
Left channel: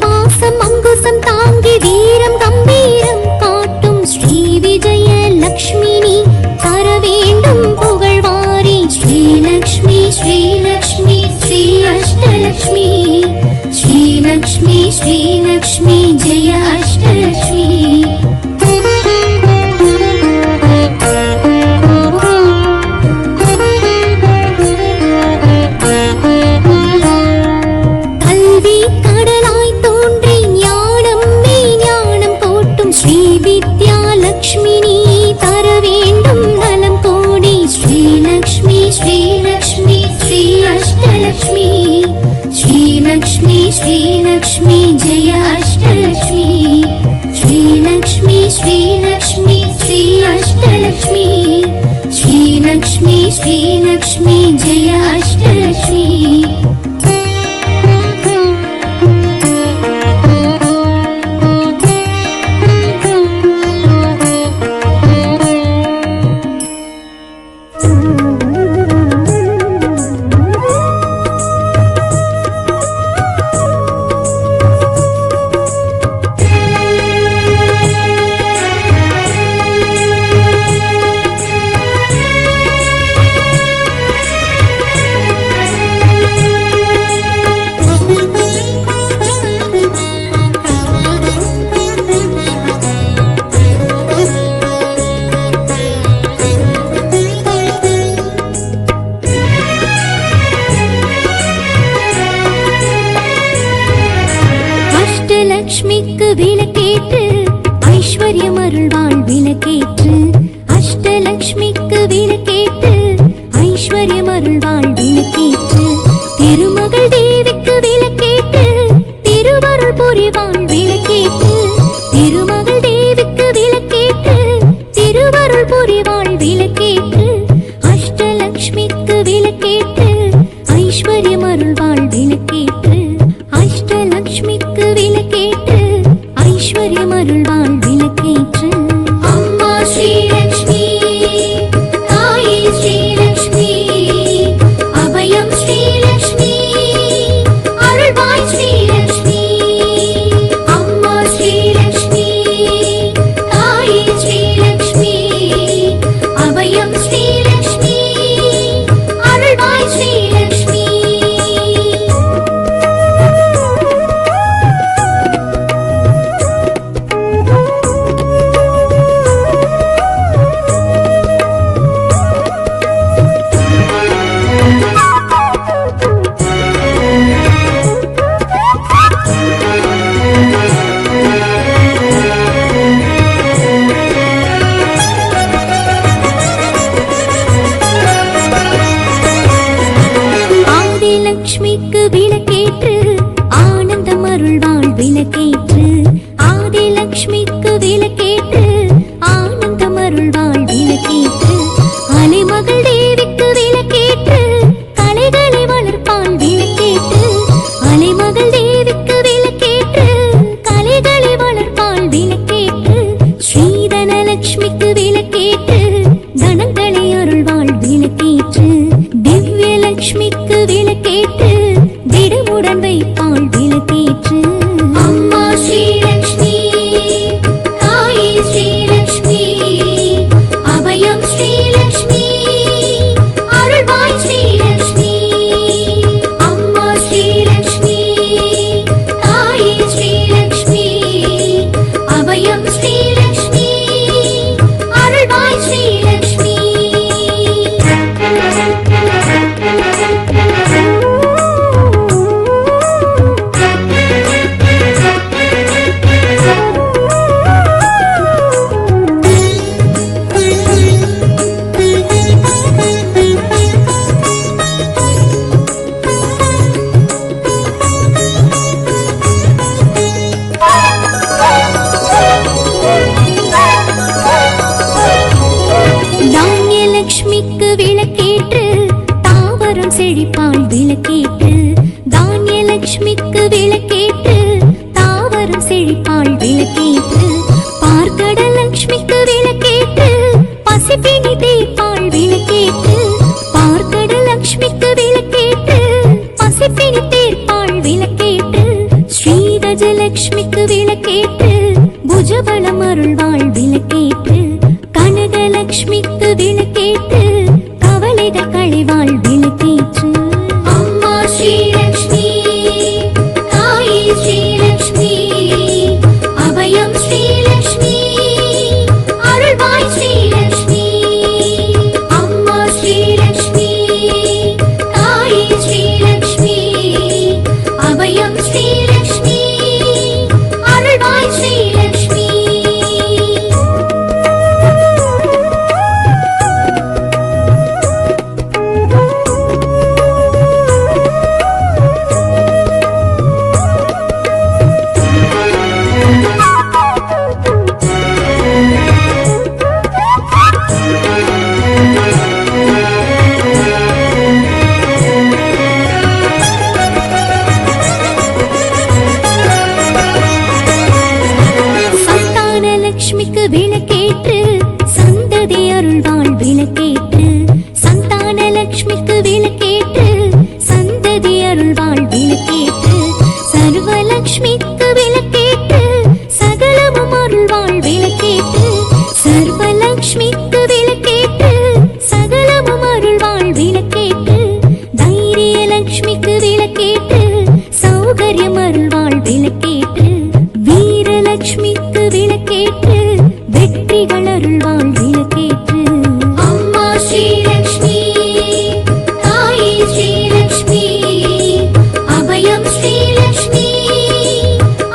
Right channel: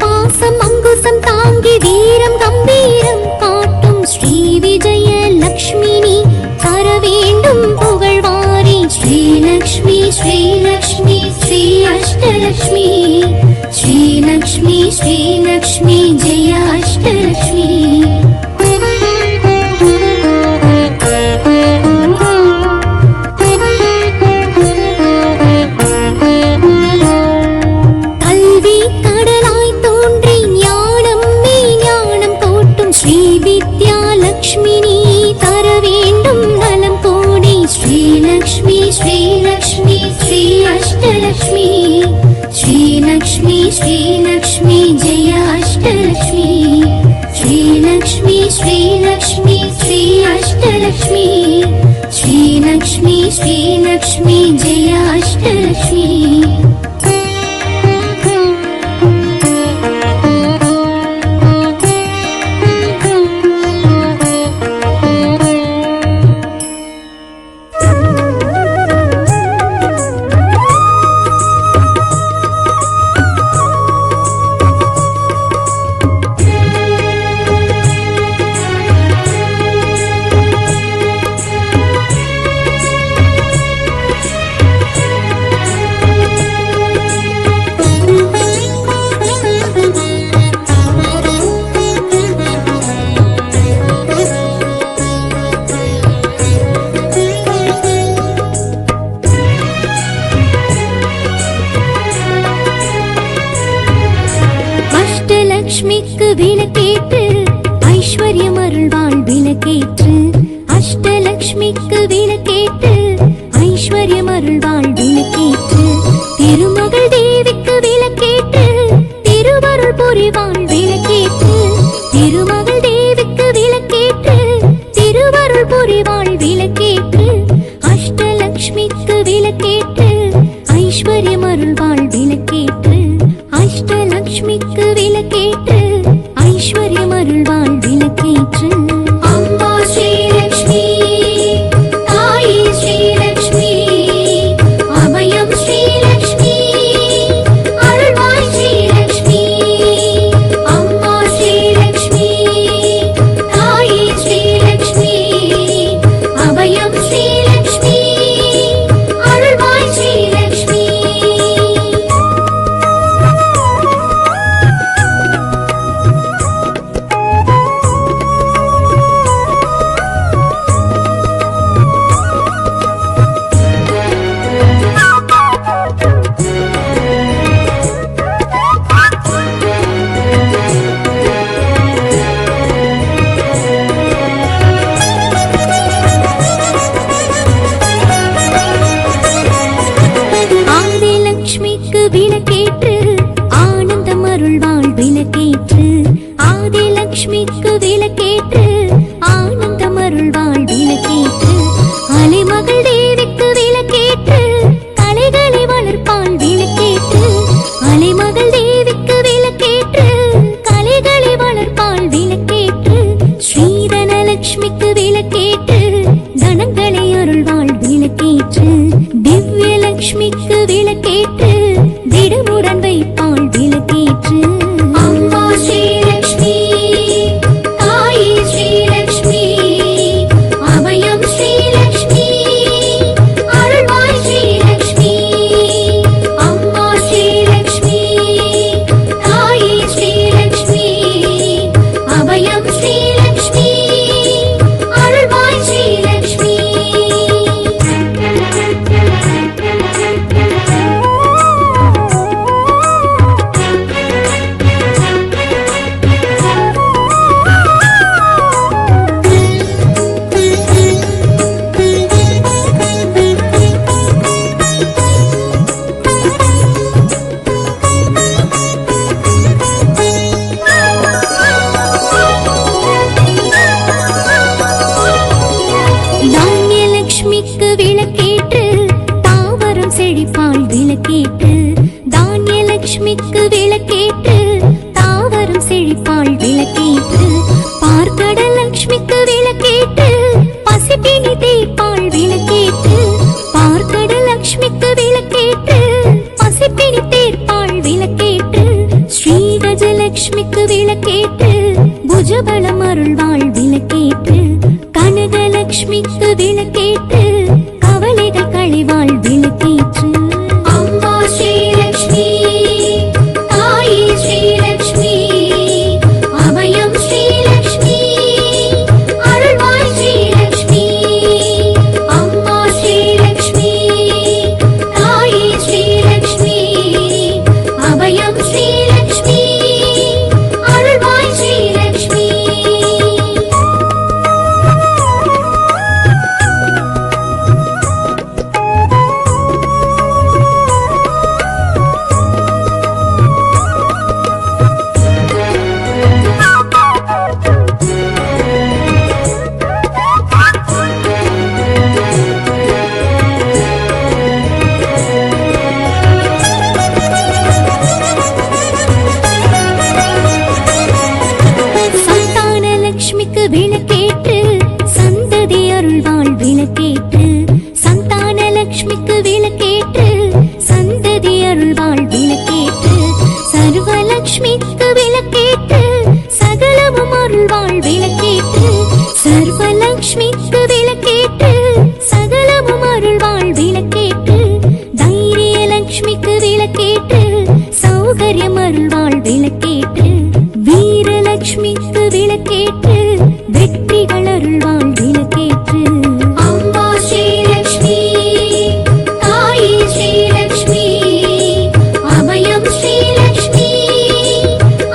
பாசம் அங்குசம் தாங்கி வீரம் கம்பீரம் காட்டும் ஸ்ரீ விஜய லக்ஷ்மினி தர வேண்டும் புகழ்வாரி ஸ்ரீலக்ஷ்மி ஸ்ரீலக்ஷ்மி ஸ்ரீ அஷ்டலக்ஷ்மி ஸ்ரீலக்ஷ்மி ஸ்ரீலக்ஷ்மி ஜெய அஷ்டலக்ஷ்மி கல்வி கடலாய் தோன்றி ஞானம் மெய் ஞானம் கோட்டும் ஸ்ரீ வித்யா லக்ஷ்மினி தர வேண்டும் நலம் கோடி ஸ்ரீலக்ஷ்மி ஸ்ரீலக்ஷ்மி ஸ்ரீ அஷ்டலக்ஷ்மி ஸ்ரீலக்ஷ்மி ஸ்ரீலக்ஷ்மி ஜெய அஷ்டலக்ஷ்மி ஸ்ரீலக்ஷ்மி ஸ்ரீலக்ஷ்மி ஸ்ரீ அஷ்டலக்ஷ்மி ஸ்ரீலக்ஷ்மி ஸ்ரீலக்ஷ்மி ஜெய அஷ்டலக்ஷ்மி அஷ்டலக்ஷ்மிக்கு விளக்கேற்று ஐஸ்வர்யம் அருள்வாள் விளக்கேற்று அஷ்டலக்ஷ்மிக்கு விளக்கேற்று ஐஸ்வர்யம் அருள்வாள் விளக்கேற்று திருமகள் தேவிக்கு விளக்கேற்று திருவருள் புரிவாள் விளக்கேற்று திருமகள் தேவிக்கு விளக்கேற்று திருவருள் புரிவாள் விளக்கேற்று அஷ்டலக்ஷ்மிக்கு விளக்கேற்று ஐஸ்வர்யம் அருள்வாள் விளக்கேற்று அஷ்டலக்ஷ்மிக்கு விளக்கேற்று ஐஸ்வர்யம் அருள்வாள் விளக்கேற்று அம்மா ஸ்ரீலக்ஷ்மி தாயே ஸ்ரீலக்ஷ்மி அபயம் ஸ்ரீலக்ஷ்மி அருள்வாய் ஸ்ரீலக்ஷ்மி அம்மா ஸ்ரீலக்ஷ்மி தாயே ஸ்ரீலக்ஷ்மி அபயம் ஸ்ரீலக்ஷ்மி அருள்வாய் ஸ்ரீலக்ஷ்மி ஆதிலக்ஷ்மிக்கு விளக்கேற்று ஆனந்தம் அருள்வாள் விளக்கேற்று ஆதிலக்ஷ்மிக்கு விளக்கேற்று ஆனந்தம் அருள்வாள் விளக்கேற்று அலைமகள் தேவிக்கு விளக்கேற்று கலைகளை வளர்ப்பாள் விளக்கேற்று அலைமகள் தேவிக்கு விளக்கேற்று கலைகளை வளர்ப்பாள் விளக்கேற்று ஸ்ரீதனலக்ஷ்மிக்கு விளக்கேற்று தனங்களை அருள்வாள் விளக்கேற்று திவ்யலக்ஷ்மிக்கு விளக்கேற்று திடமுடன் வைப்பாள் விளக்கேற்று அம்மா ஸ்ரீலக்ஷ்மி தாயே ஸ்ரீலக்ஷ்மி அபயம் ஸ்ரீலக்ஷ்மி அருள்வாய் ஸ்ரீலக்ஷ்மி அம்மா ஸ்ரீலக்ஷ்மி தாயே ஸ்ரீலக்ஷ்மி அபயம் ஸ்ரீலக்ஷ்மி அருள்வாய் ஸ்ரீலக்ஷ்மி தானியலக்ஷ்மிக்கு விளக்கேற்று தாவரம் செழிப்பாள் விளக்கேற்று தானியலக்ஷ்மிக்கு விளக்கேற்று தாவரம் செழிப்பாள் விளக்கேற்று பார்க்கடலக்ஷ்மிக்கு விளக்கேற்று பசிப்பினி தீர்ப்பாள் விளக்கேற்று பார்க்கடலக்ஷ்மிக்கு விளக்கேற்று பசிப்பினி தீர்ப்பாள் விளக்கேற்று ஸ்ரீகஜலக்ஷ்மிக்கு விளக்கேற்று புஜபலம் அருள்வாள் விளக்கேற்று கனகலக்ஷ்மிக்கு விளக்கேற்று கவலைகள் களைவாள் விளக்கேற்று அம்மா ஸ்ரீலக்ஷ்மி தாயே ஸ்ரீலக்ஷ்மி அபயம் ஸ்ரீலக்ஷ்மி அருள்வாய் ஸ்ரீலக்ஷ்மி அம்மா ஸ்ரீலக்ஷ்மி தாயே ஸ்ரீலக்ஷ்மி அபயம் ஸ்ரீலக்ஷ்மி அருள்வாய் ஸ்ரீலக்ஷ்மி சந்தானலக்ஷ்மிக்கு விளக்கேற்று சந்ததி அருள்வாள் விளக்கேற்று சந்தானலக்ஷ்மிக்கு விளக்கேற்று சந்ததி அருள்வாள் விளக்கேற்று சர்வலக்ஷ்மிக்கு விளக்கேற்று சகலமும் அருள்வாள் விளக்கேற்று சர்வலக்ஷ்மிக்கு விளக்கேற்று சகலமும் அருள்வாள் விளக்கேற்று தைரியலக்ஷ்மிக்கு விளக்கேற்று சௌகரியம் அருள்வாள் விளக்கேற்று வீரலக்ஷ்மிக்கு விளக்கேற்று வெற்றிகள் அருள்வாள் விளக்கேற்று அம்மா ஸ்ரீலக்ஷ்மி தாயே ஸ்ரீலக்ஷ்மி அபயம் ஸ்ரீலக்ஷ்மி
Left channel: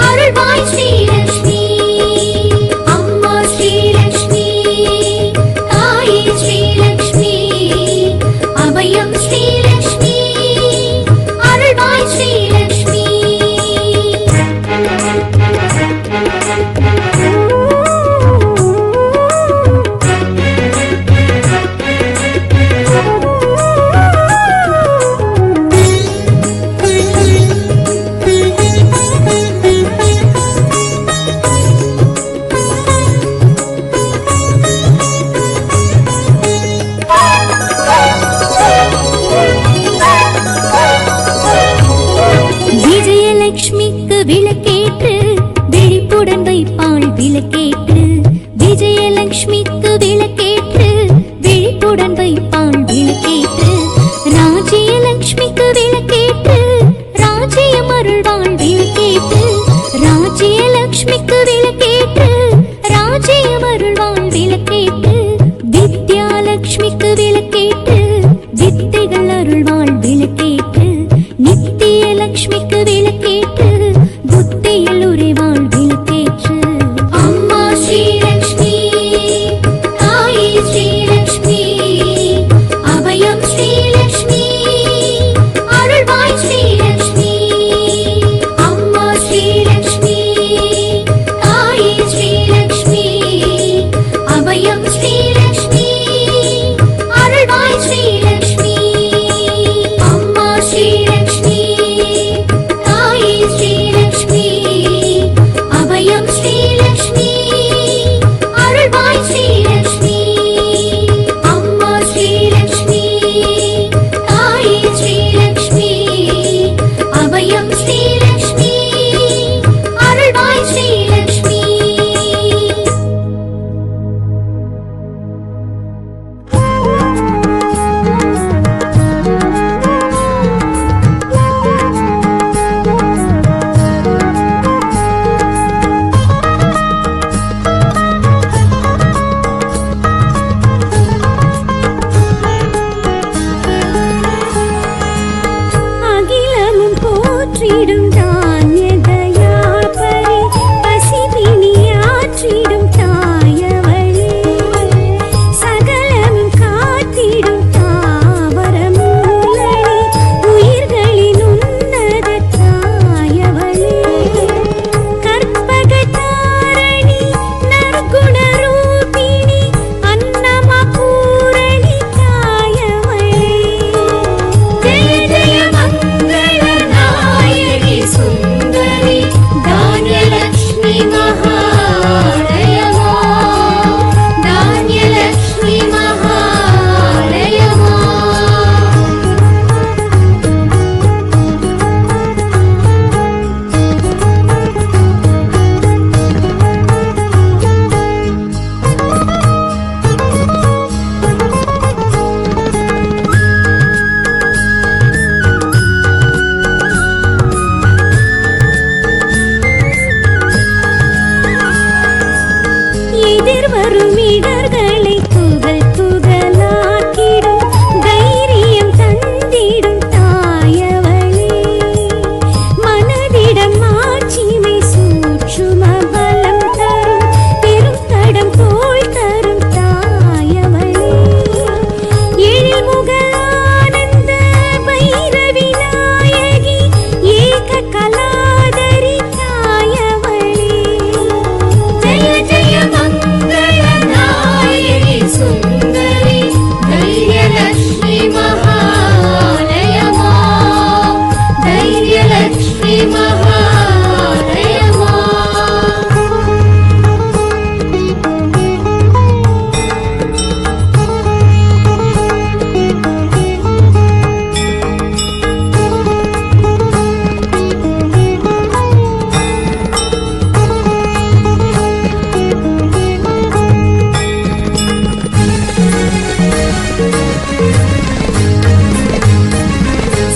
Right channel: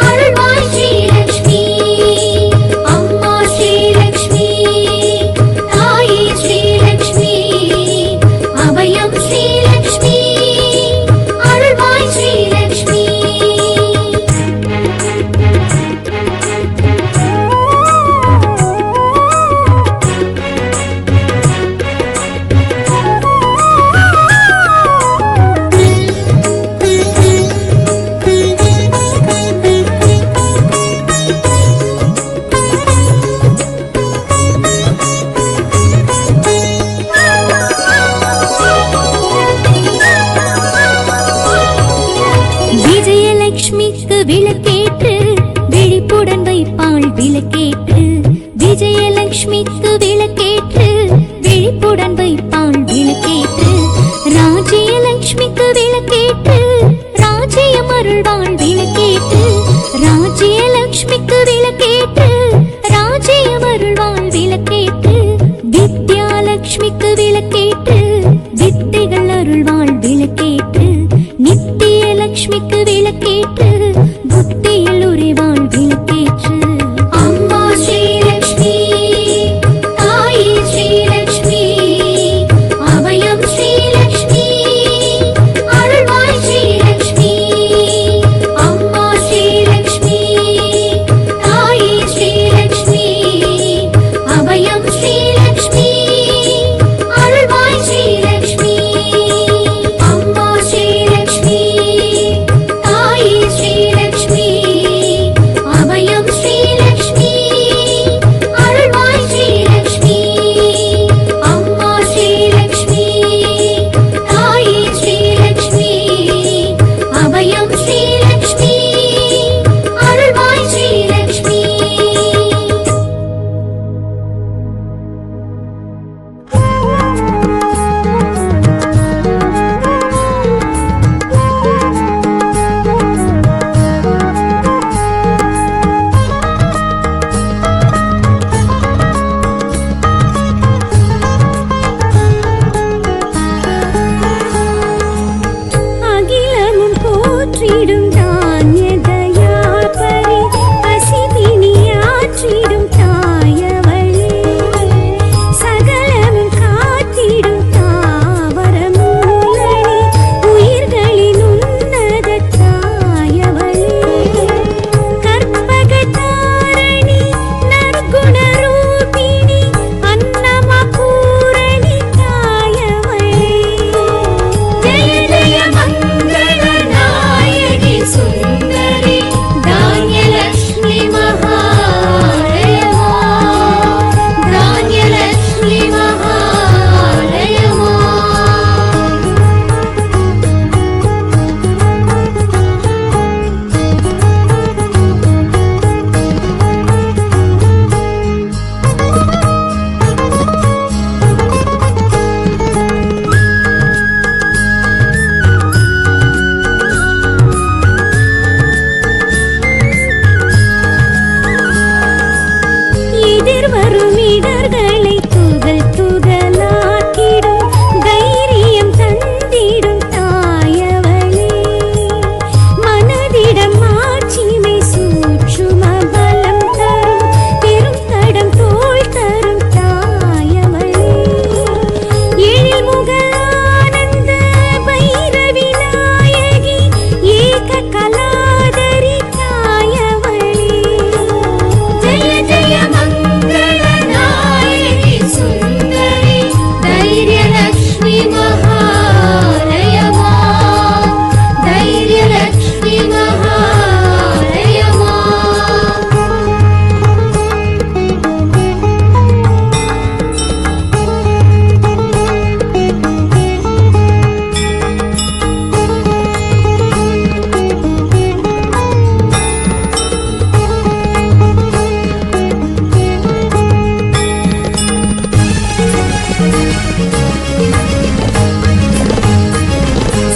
அருள்வாய் ஸ்ரீலக்ஷ்மி விளக்கேற்று விழிப்புடன் வைப்பாள் விளக்கேற்று விஜயலட்சுமிக்கு விளக்கேற்று விழிப்புடன் வைப்பாள் விளக்கேற்று ராஜ்யலட்சுமிக்கு விளக்கேற்று ராஜ்யம் அருள்வாள் விளக்கேற்று ராஜ்யலட்சுமிக்கு விளக்கேற்று ராஜ்யம் அருள்வாள் விளக்கேற்று வித்யாலட்சுமிக்கு விளக்கேற்று வித்தைகள் அருள்வாள் விளக்கேற்று நித்திய லட்சுமிக்கு விளக்கேற்று புத்தியில் உறைவாள் விளக்கேற்று அம்மா ஸ்ரீலக்ஷ்மி தாயே ஸ்ரீலக்ஷ்மி அபயம் ஸ்ரீலக்ஷ்மி அருள்வாய் ஸ்ரீலக்ஷ்மி அம்மா ஸ்ரீலக்ஷ்மி தாயே ஸ்ரீலக்ஷ்மி அபயம் ஸ்ரீலக்ஷ்மி அருள்வாய் ஸ்ரீலக்ஷ்மி அம்மா ஸ்ரீலக்ஷ்மி தாயே ஸ்ரீலக்ஷ்மி அபயம் ஸ்ரீலக்ஷ்மி அருள்வாய் ஸ்ரீலக்ஷ்மி அம்மா ஸ்ரீலக்ஷ்மி தாயே ஸ்ரீலக்ஷ்மி அபயம் ஸ்ரீலக்ஷ்மி அருள்வாய் ஸ்ரீலக்ஷ்மி அகிலமும் போற்றிடும் தானிய தயாபரி பசிபிணியாற்றிடும் தாயவளே சகலமும் காத்திடும் தாவர மூலனி உயிர்களின் உன்னத தாயவளே கற்பக தாரணி நற்குண ரூபிணி அன்னம பூரணி தாயவளே ஜெய ஜெய மங்கள நாயகி சுந்தரி தானியலக்ஷ்மி மகாலயமா தானியலக்ஷ்மி மகாலயமா எதிர்வரும் இடர்களை துகள் துகளாக்கிடும் தைரியம் தந்திடும் தாயவளே மனதிடம் மாட்சிமை சூட்சும பலம் தரும் பெரும் தடம் தோள் தரும் தாயவளே எழில் முக ஆனந்த பைரவி நாயகி ஏக கலாதரி தாயவளே ஜெய ஜெய மங்கள நாயகி சுந்தரி தைரியலக்ஷ்மி மகாலயமா தைரியலக்ஷ்மி மகாலயமா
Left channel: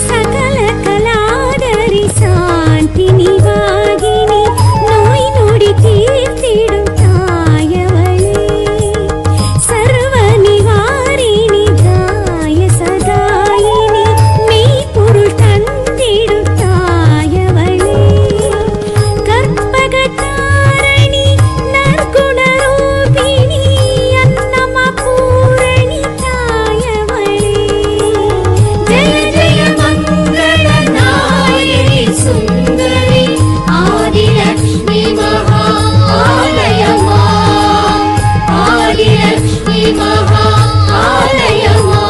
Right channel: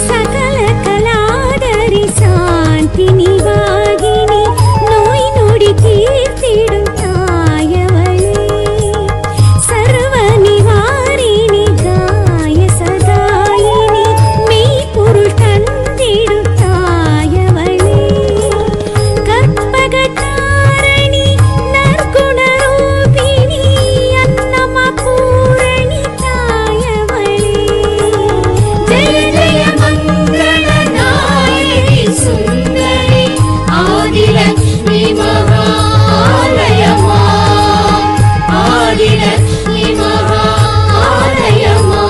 சகல கலாதரி சாந்தி நிவாகினி நோய் நொடி தீர்த்திடும் தாயவளே சர்வ நிவாரிணி காய சகாயினி மெய்ப்பொருள் தந்திடும் தாயவளே கற்பக தாரணி நற்குண ரூபிணி அன்னம பூரணி தாயவளே ஜெய ஜெய மங்கள நாயகி சுந்தரி ஆதிலக்ஷ்மி மகாலயமா ஆதிலக்ஷ்மி மகாலயமா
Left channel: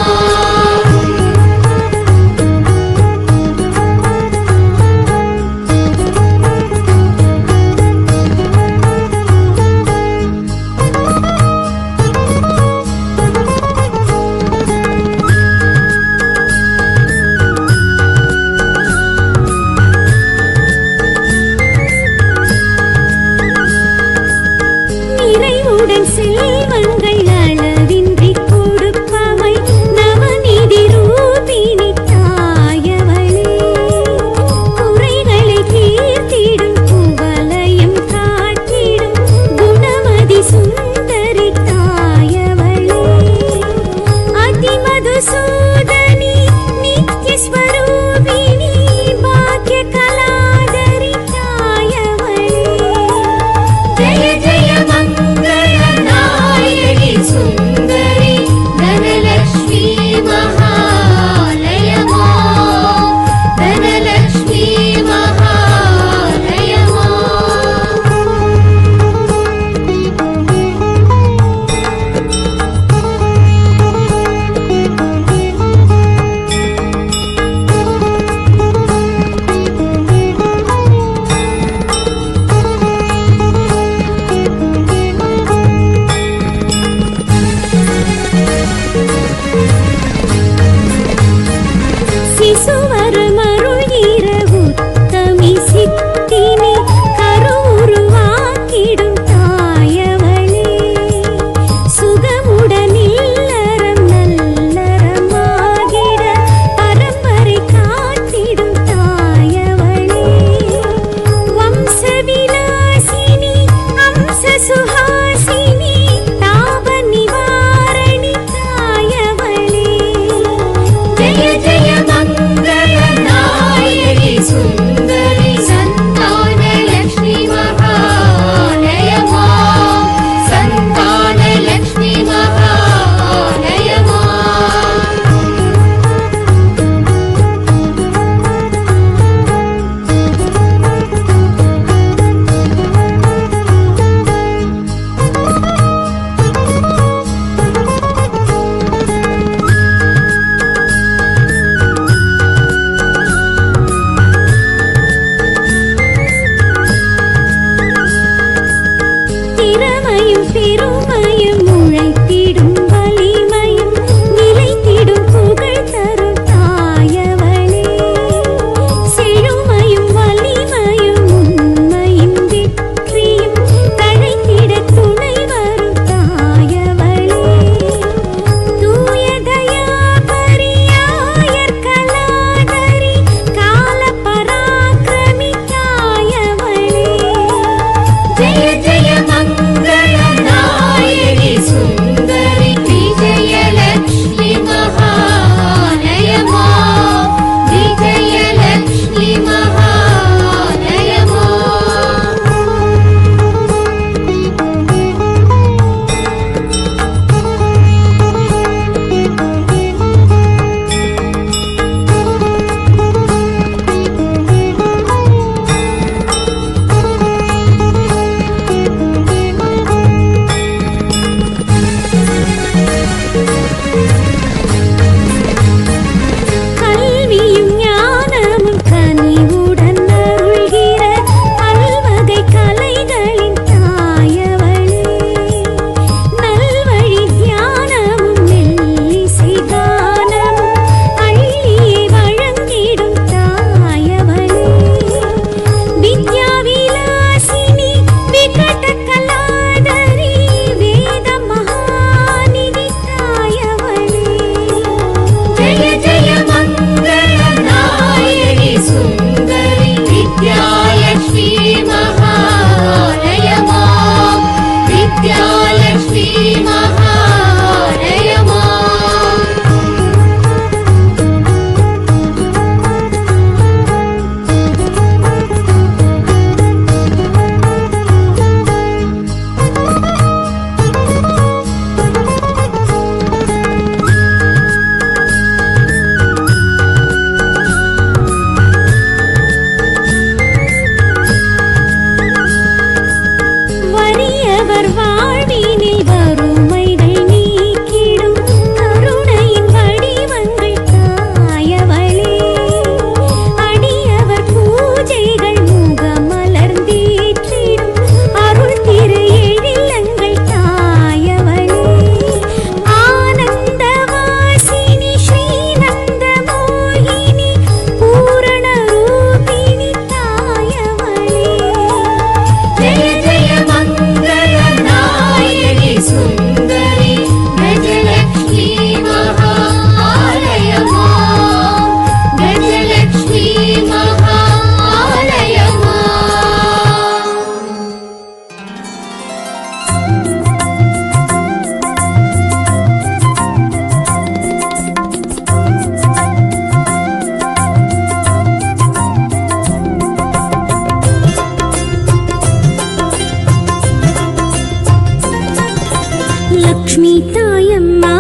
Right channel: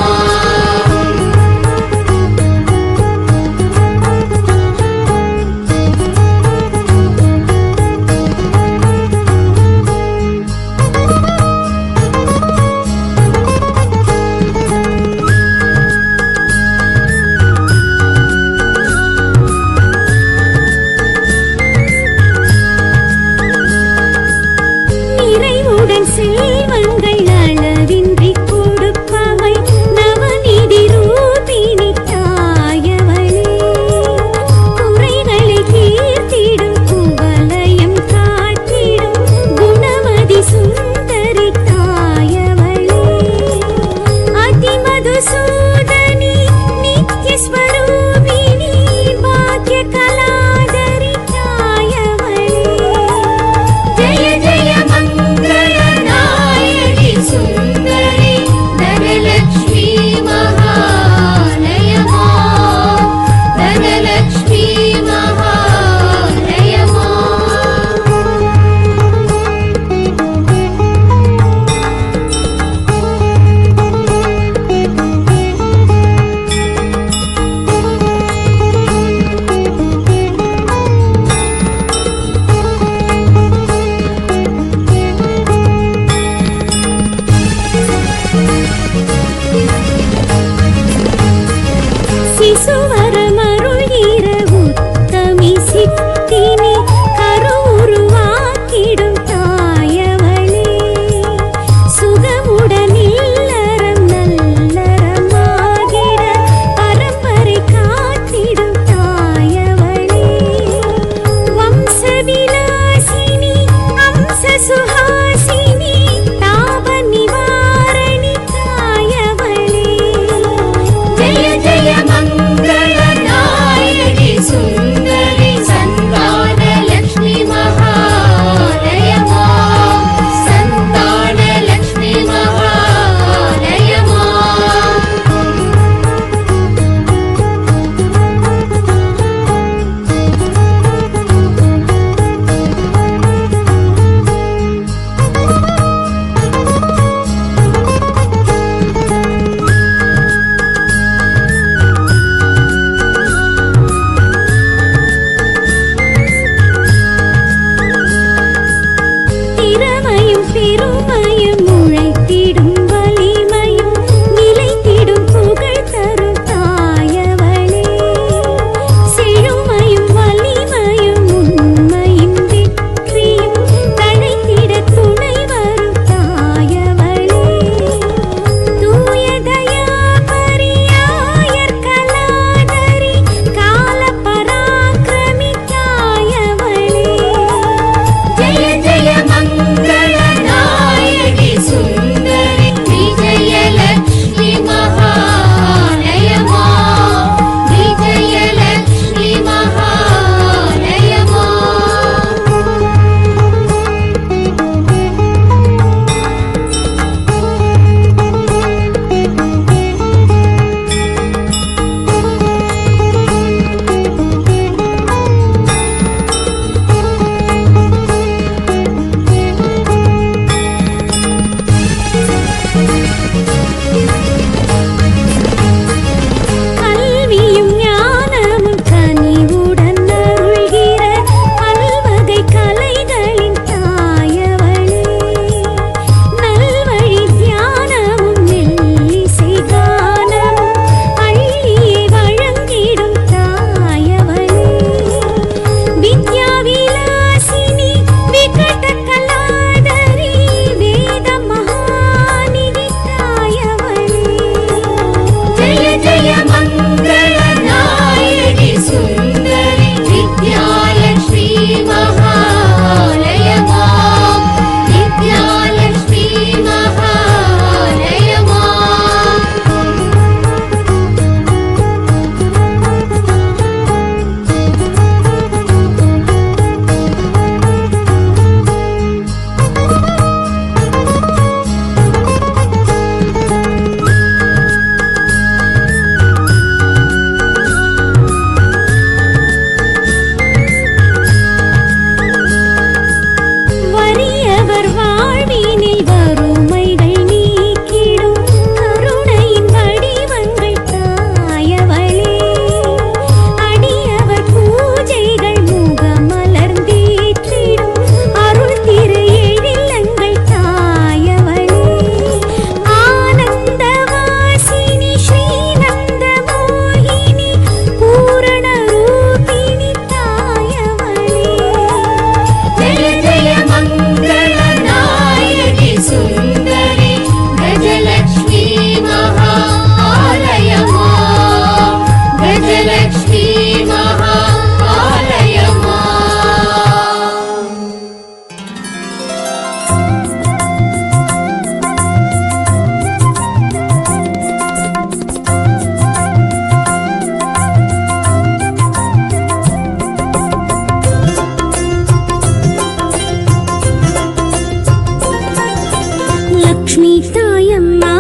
தாயம்மா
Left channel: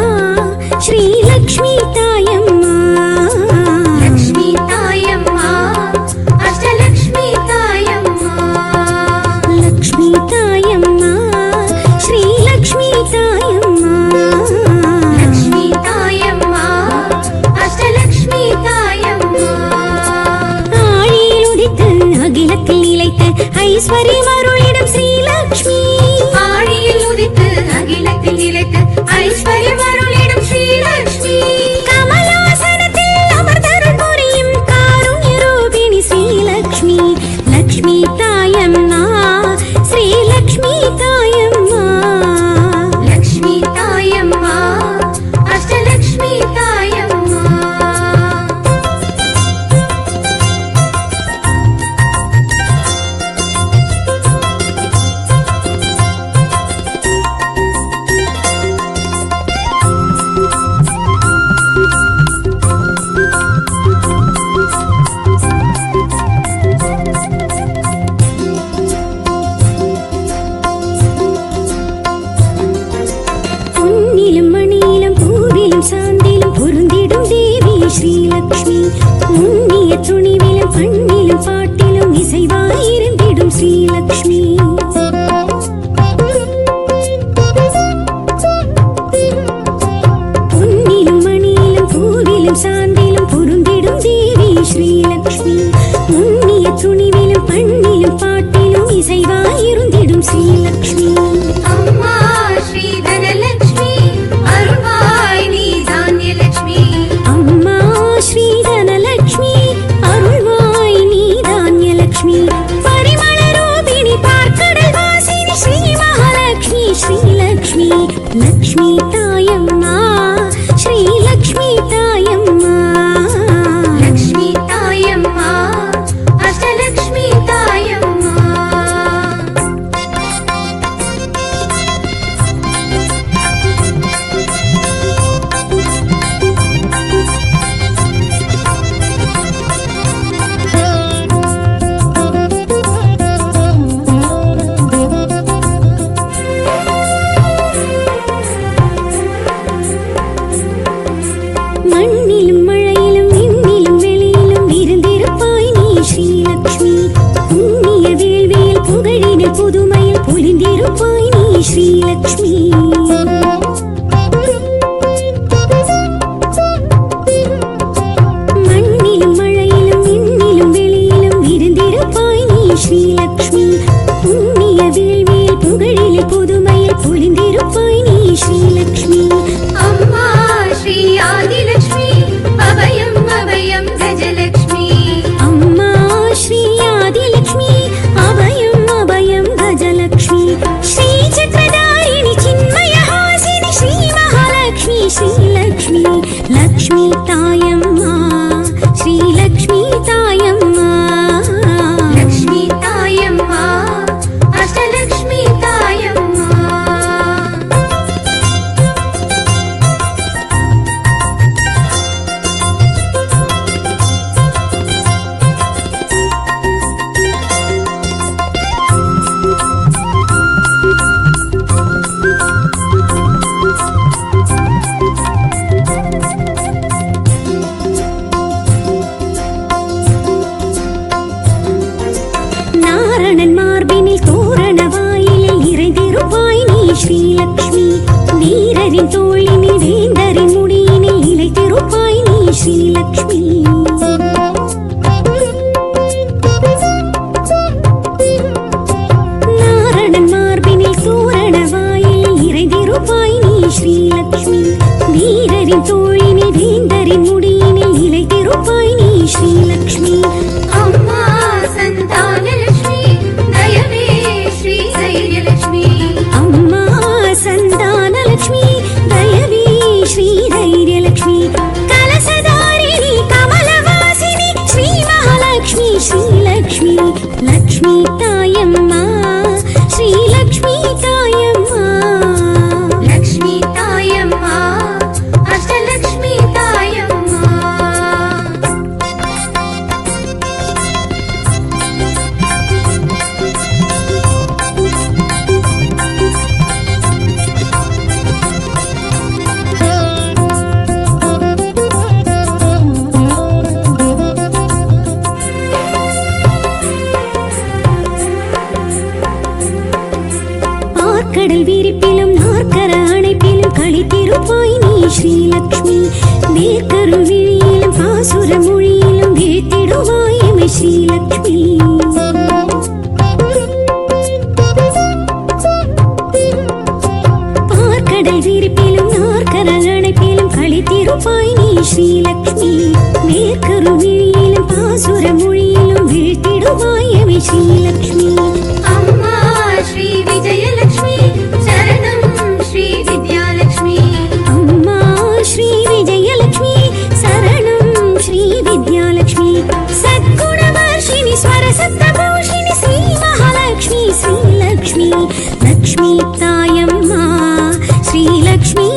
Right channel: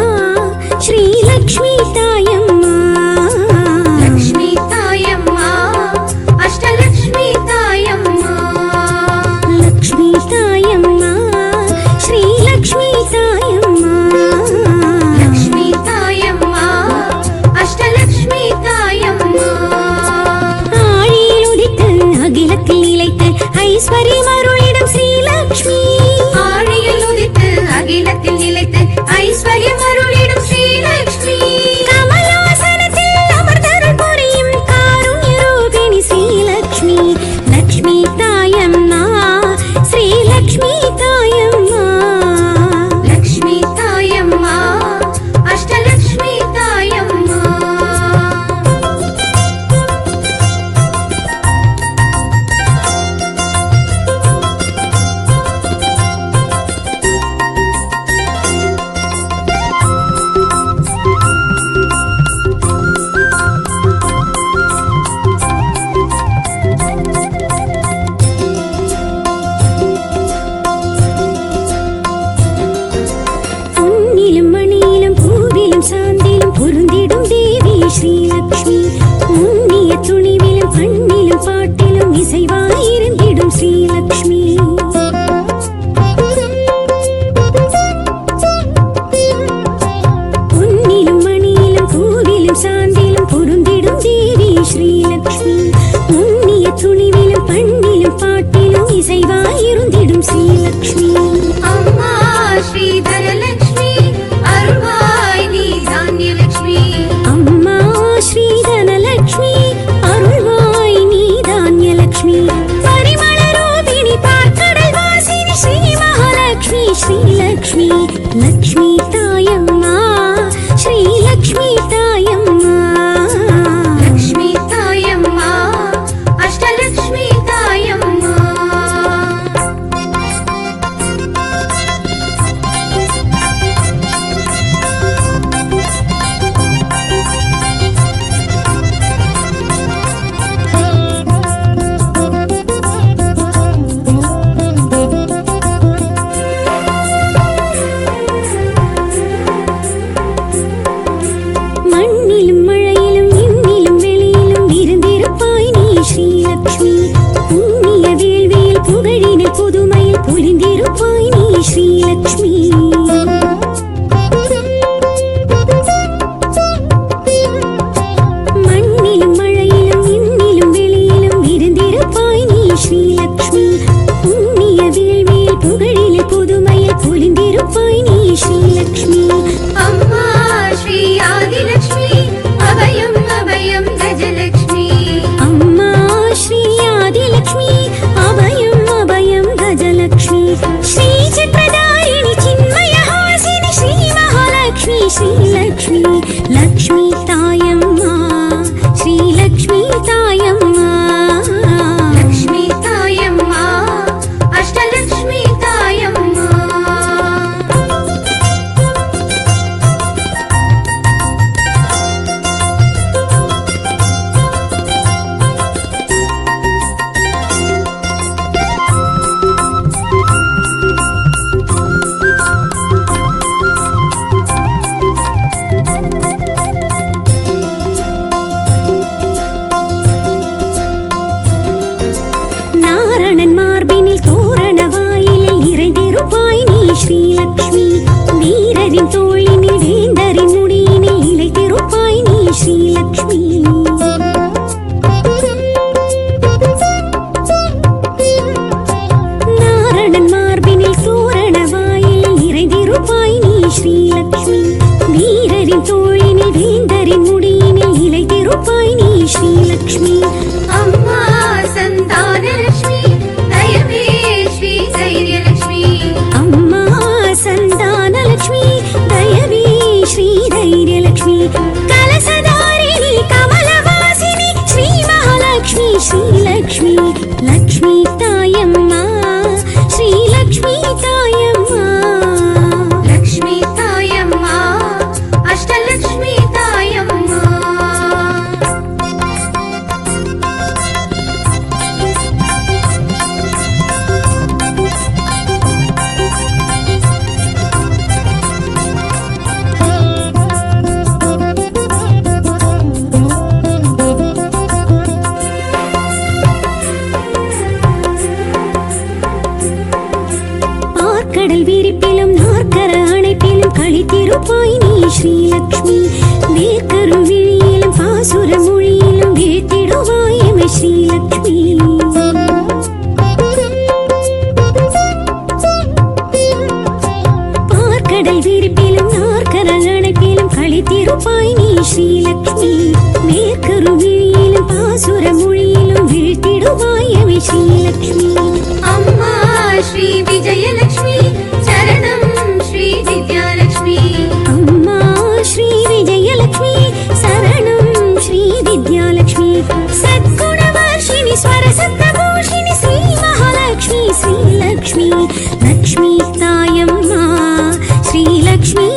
ஸ்ரீலக்ஷ்மி தாயம்மா லக்ஷ்மி தாயம்மா அஷ்டலக்ஷ்மி தாயம்மா லக்ஷ்மி தாயம்மா ஸ்ரீலக்ஷ்மி தாயம்மா லக்ஷ்மி தாயம்மா அஷ்டலக்ஷ்மி தாயம்மா ஆழியில் உதித்து அகிலத்தில் நிலைத்து ஐஸ்வர்யம் அருளிடும் ஸ்ரீலக்ஷ்மி ஆழியில் உதித்து அகிலத்தில் நிலைத்து ஐஸ்வர்யம் அருளிடும் ஸ்ரீலக்ஷ்மி கமலாசனத்தில் அமர்ந்தருள் புரியும் காருண்ய ரூபிணி ஸ்ரீலக்ஷ்மி லக்ஷ்மி தாயம்மா ஸ்ரீலக்ஷ்மி தாயம்மா லக்ஷ்மி தாயம்மா அஷ்டலக்ஷ்மி தாயம்மா பொன்னிலும் மணியிலும் பூவிலும் சாந்திலும் பொருந்திடும் தேவி ஸ்ரீலக்ஷ்மி முன்னிய துணிவிலும் பண்ணிலும் பாட்டிலும் இசைவாயிருந்திடும் ஸ்ரீலக்ஷ்மி பொன்னிலும் மணியிலும் பூவிலும் சாந்திலும் பொருந்திடும் தேவி ஸ்ரீலக்ஷ்மி முன்னிய துணிவிலும் பண்ணிலும் பாட்டிலும் இசைவாயிருந்திடும் ஸ்ரீலக்ஷ்மி அம்மா ஸ்ரீ தனலக்ஷ்மி அருள்வாய் நீ தானியலக்ஷ்மி அம்மா ஸ்ரீ தனலக்ஷ்மி அருள்வாய் நீ தானியலக்ஷ்மி பரிமள ரூபிணி பார்க்கடல் வாசினி ஸ்ரீ மகாலக்ஷ்மி ஸ்ரீலக்ஷ்மி லக்ஷ்மி தாயம்மா ஸ்ரீலக்ஷ்மி தாயம்மா லக்ஷ்மி தாயம்மா அஷ்டலக்ஷ்மி தாயம்மா மண்ணிலும் மழையிலும் விண்ணிலும் வெளியிலும் இருந்திருப்பாய் நீ ஸ்ரீலக்ஷ்மி புண்ணிய வேள்வியில் புகழினில் புதுமையில் பொலிந்திருப்பாய் நீ ஸ்ரீலக்ஷ்மி மண்ணிலும் மழையிலும் விண்ணிலும் வெளியிலும் இருந்திருப்பாய் நீ ஸ்ரீலக்ஷ்மி புண்ணிய வேள்வியில் புகழினில் புதுமையில் பொலிந்திருப்பாய் நீ ஸ்ரீலக்ஷ்மி அம்மா ஸ்ரீ ஆதிலக்ஷ்மி அபயம் அபயம் கஜலக்ஷ்மி அம்மா ஸ்ரீ ஆதிலக்ஷ்மி அபயம் அபயம் கஜலக்ஷ்மி ஸ்ரீ சக்கரதாரிணி சின்மயஹாசினி ஸ்ரீ மகாலக்ஷ்மி ஸ்ரீலக்ஷ்மி லக்ஷ்மி தாயம்மா ஸ்ரீலக்ஷ்மி தாயம்மா லக்ஷ்மி தாயம்மா அஷ்டலக்ஷ்மி தாயம்மா நாரணன் மார்பினில் தோரண வாயிலில் நிறைந்திருப்பாய் நீ ஸ்ரீலக்ஷ்மி வீரரின் தோளினில் வேந்தரின் முடியினில் இளைத்திருப்பாய் நீ ஸ்ரீலக்ஷ்மி நாரணன் மார்பினில் தோரண வாயிலில் நிறைந்திருப்பாய் நீ ஸ்ரீலக்ஷ்மி வீரரின் தோளினில் வேந்தரின் முடியினில் இளைத்திருப்பாய் நீ ஸ்ரீலக்ஷ்மி அம்மா சந்தானலக்ஷ்மி தயவே ஸ்ரீ தைரியலக்ஷ்மி அம்மா சந்தானலக்ஷ்மி தயவே ஸ்ரீ தைரியலக்ஷ்மி கலசதாரிணி கமலவாசினி ஸ்ரீ மகாலக்ஷ்மி ஸ்ரீலக்ஷ்மி லக்ஷ்மி தாயம்மா ஸ்ரீலக்ஷ்மி தாயம்மா லக்ஷ்மி தாயம்மா அஷ்டலக்ஷ்மி தாயம்மா நாற்கர அணைப்பிலும் களித்திருப்பாய் நீ ஸ்ரீலக்ஷ்மி வேர்க்கரு விழியிலும் பாசுர மொழியிலும் வீழ்த்திடுவாய் எமை ஸ்ரீலக்ஷ்மி பார்க்கடல் விரிப்பிலும் நாற்கர அணைப்பிலும் களித்திருப்பாய் நீ ஸ்ரீலக்ஷ்மி வேர்க்கரு விழியிலும் பாசுர மொழியிலும் வீழ்த்திடுவாய் எமை ஸ்ரீலக்ஷ்மி அம்மா ஸ்ரீ விஜயலட்சுமி சரணம் ஸ்ரீ வித்யாலட்சுமி அம்மா ஸ்ரீ விஜயலட்சுமி சரணம் ஸ்ரீ வித்யாலட்சுமி சத்குணவர்ஷினி ஸ்வரசப்தபூஷிணி ஸ்ரீ மகாலட்சுமி ஸ்ரீலக்ஷ்மி லக்ஷ்மி தாயம்மா ஸ்ரீலக்ஷ்மி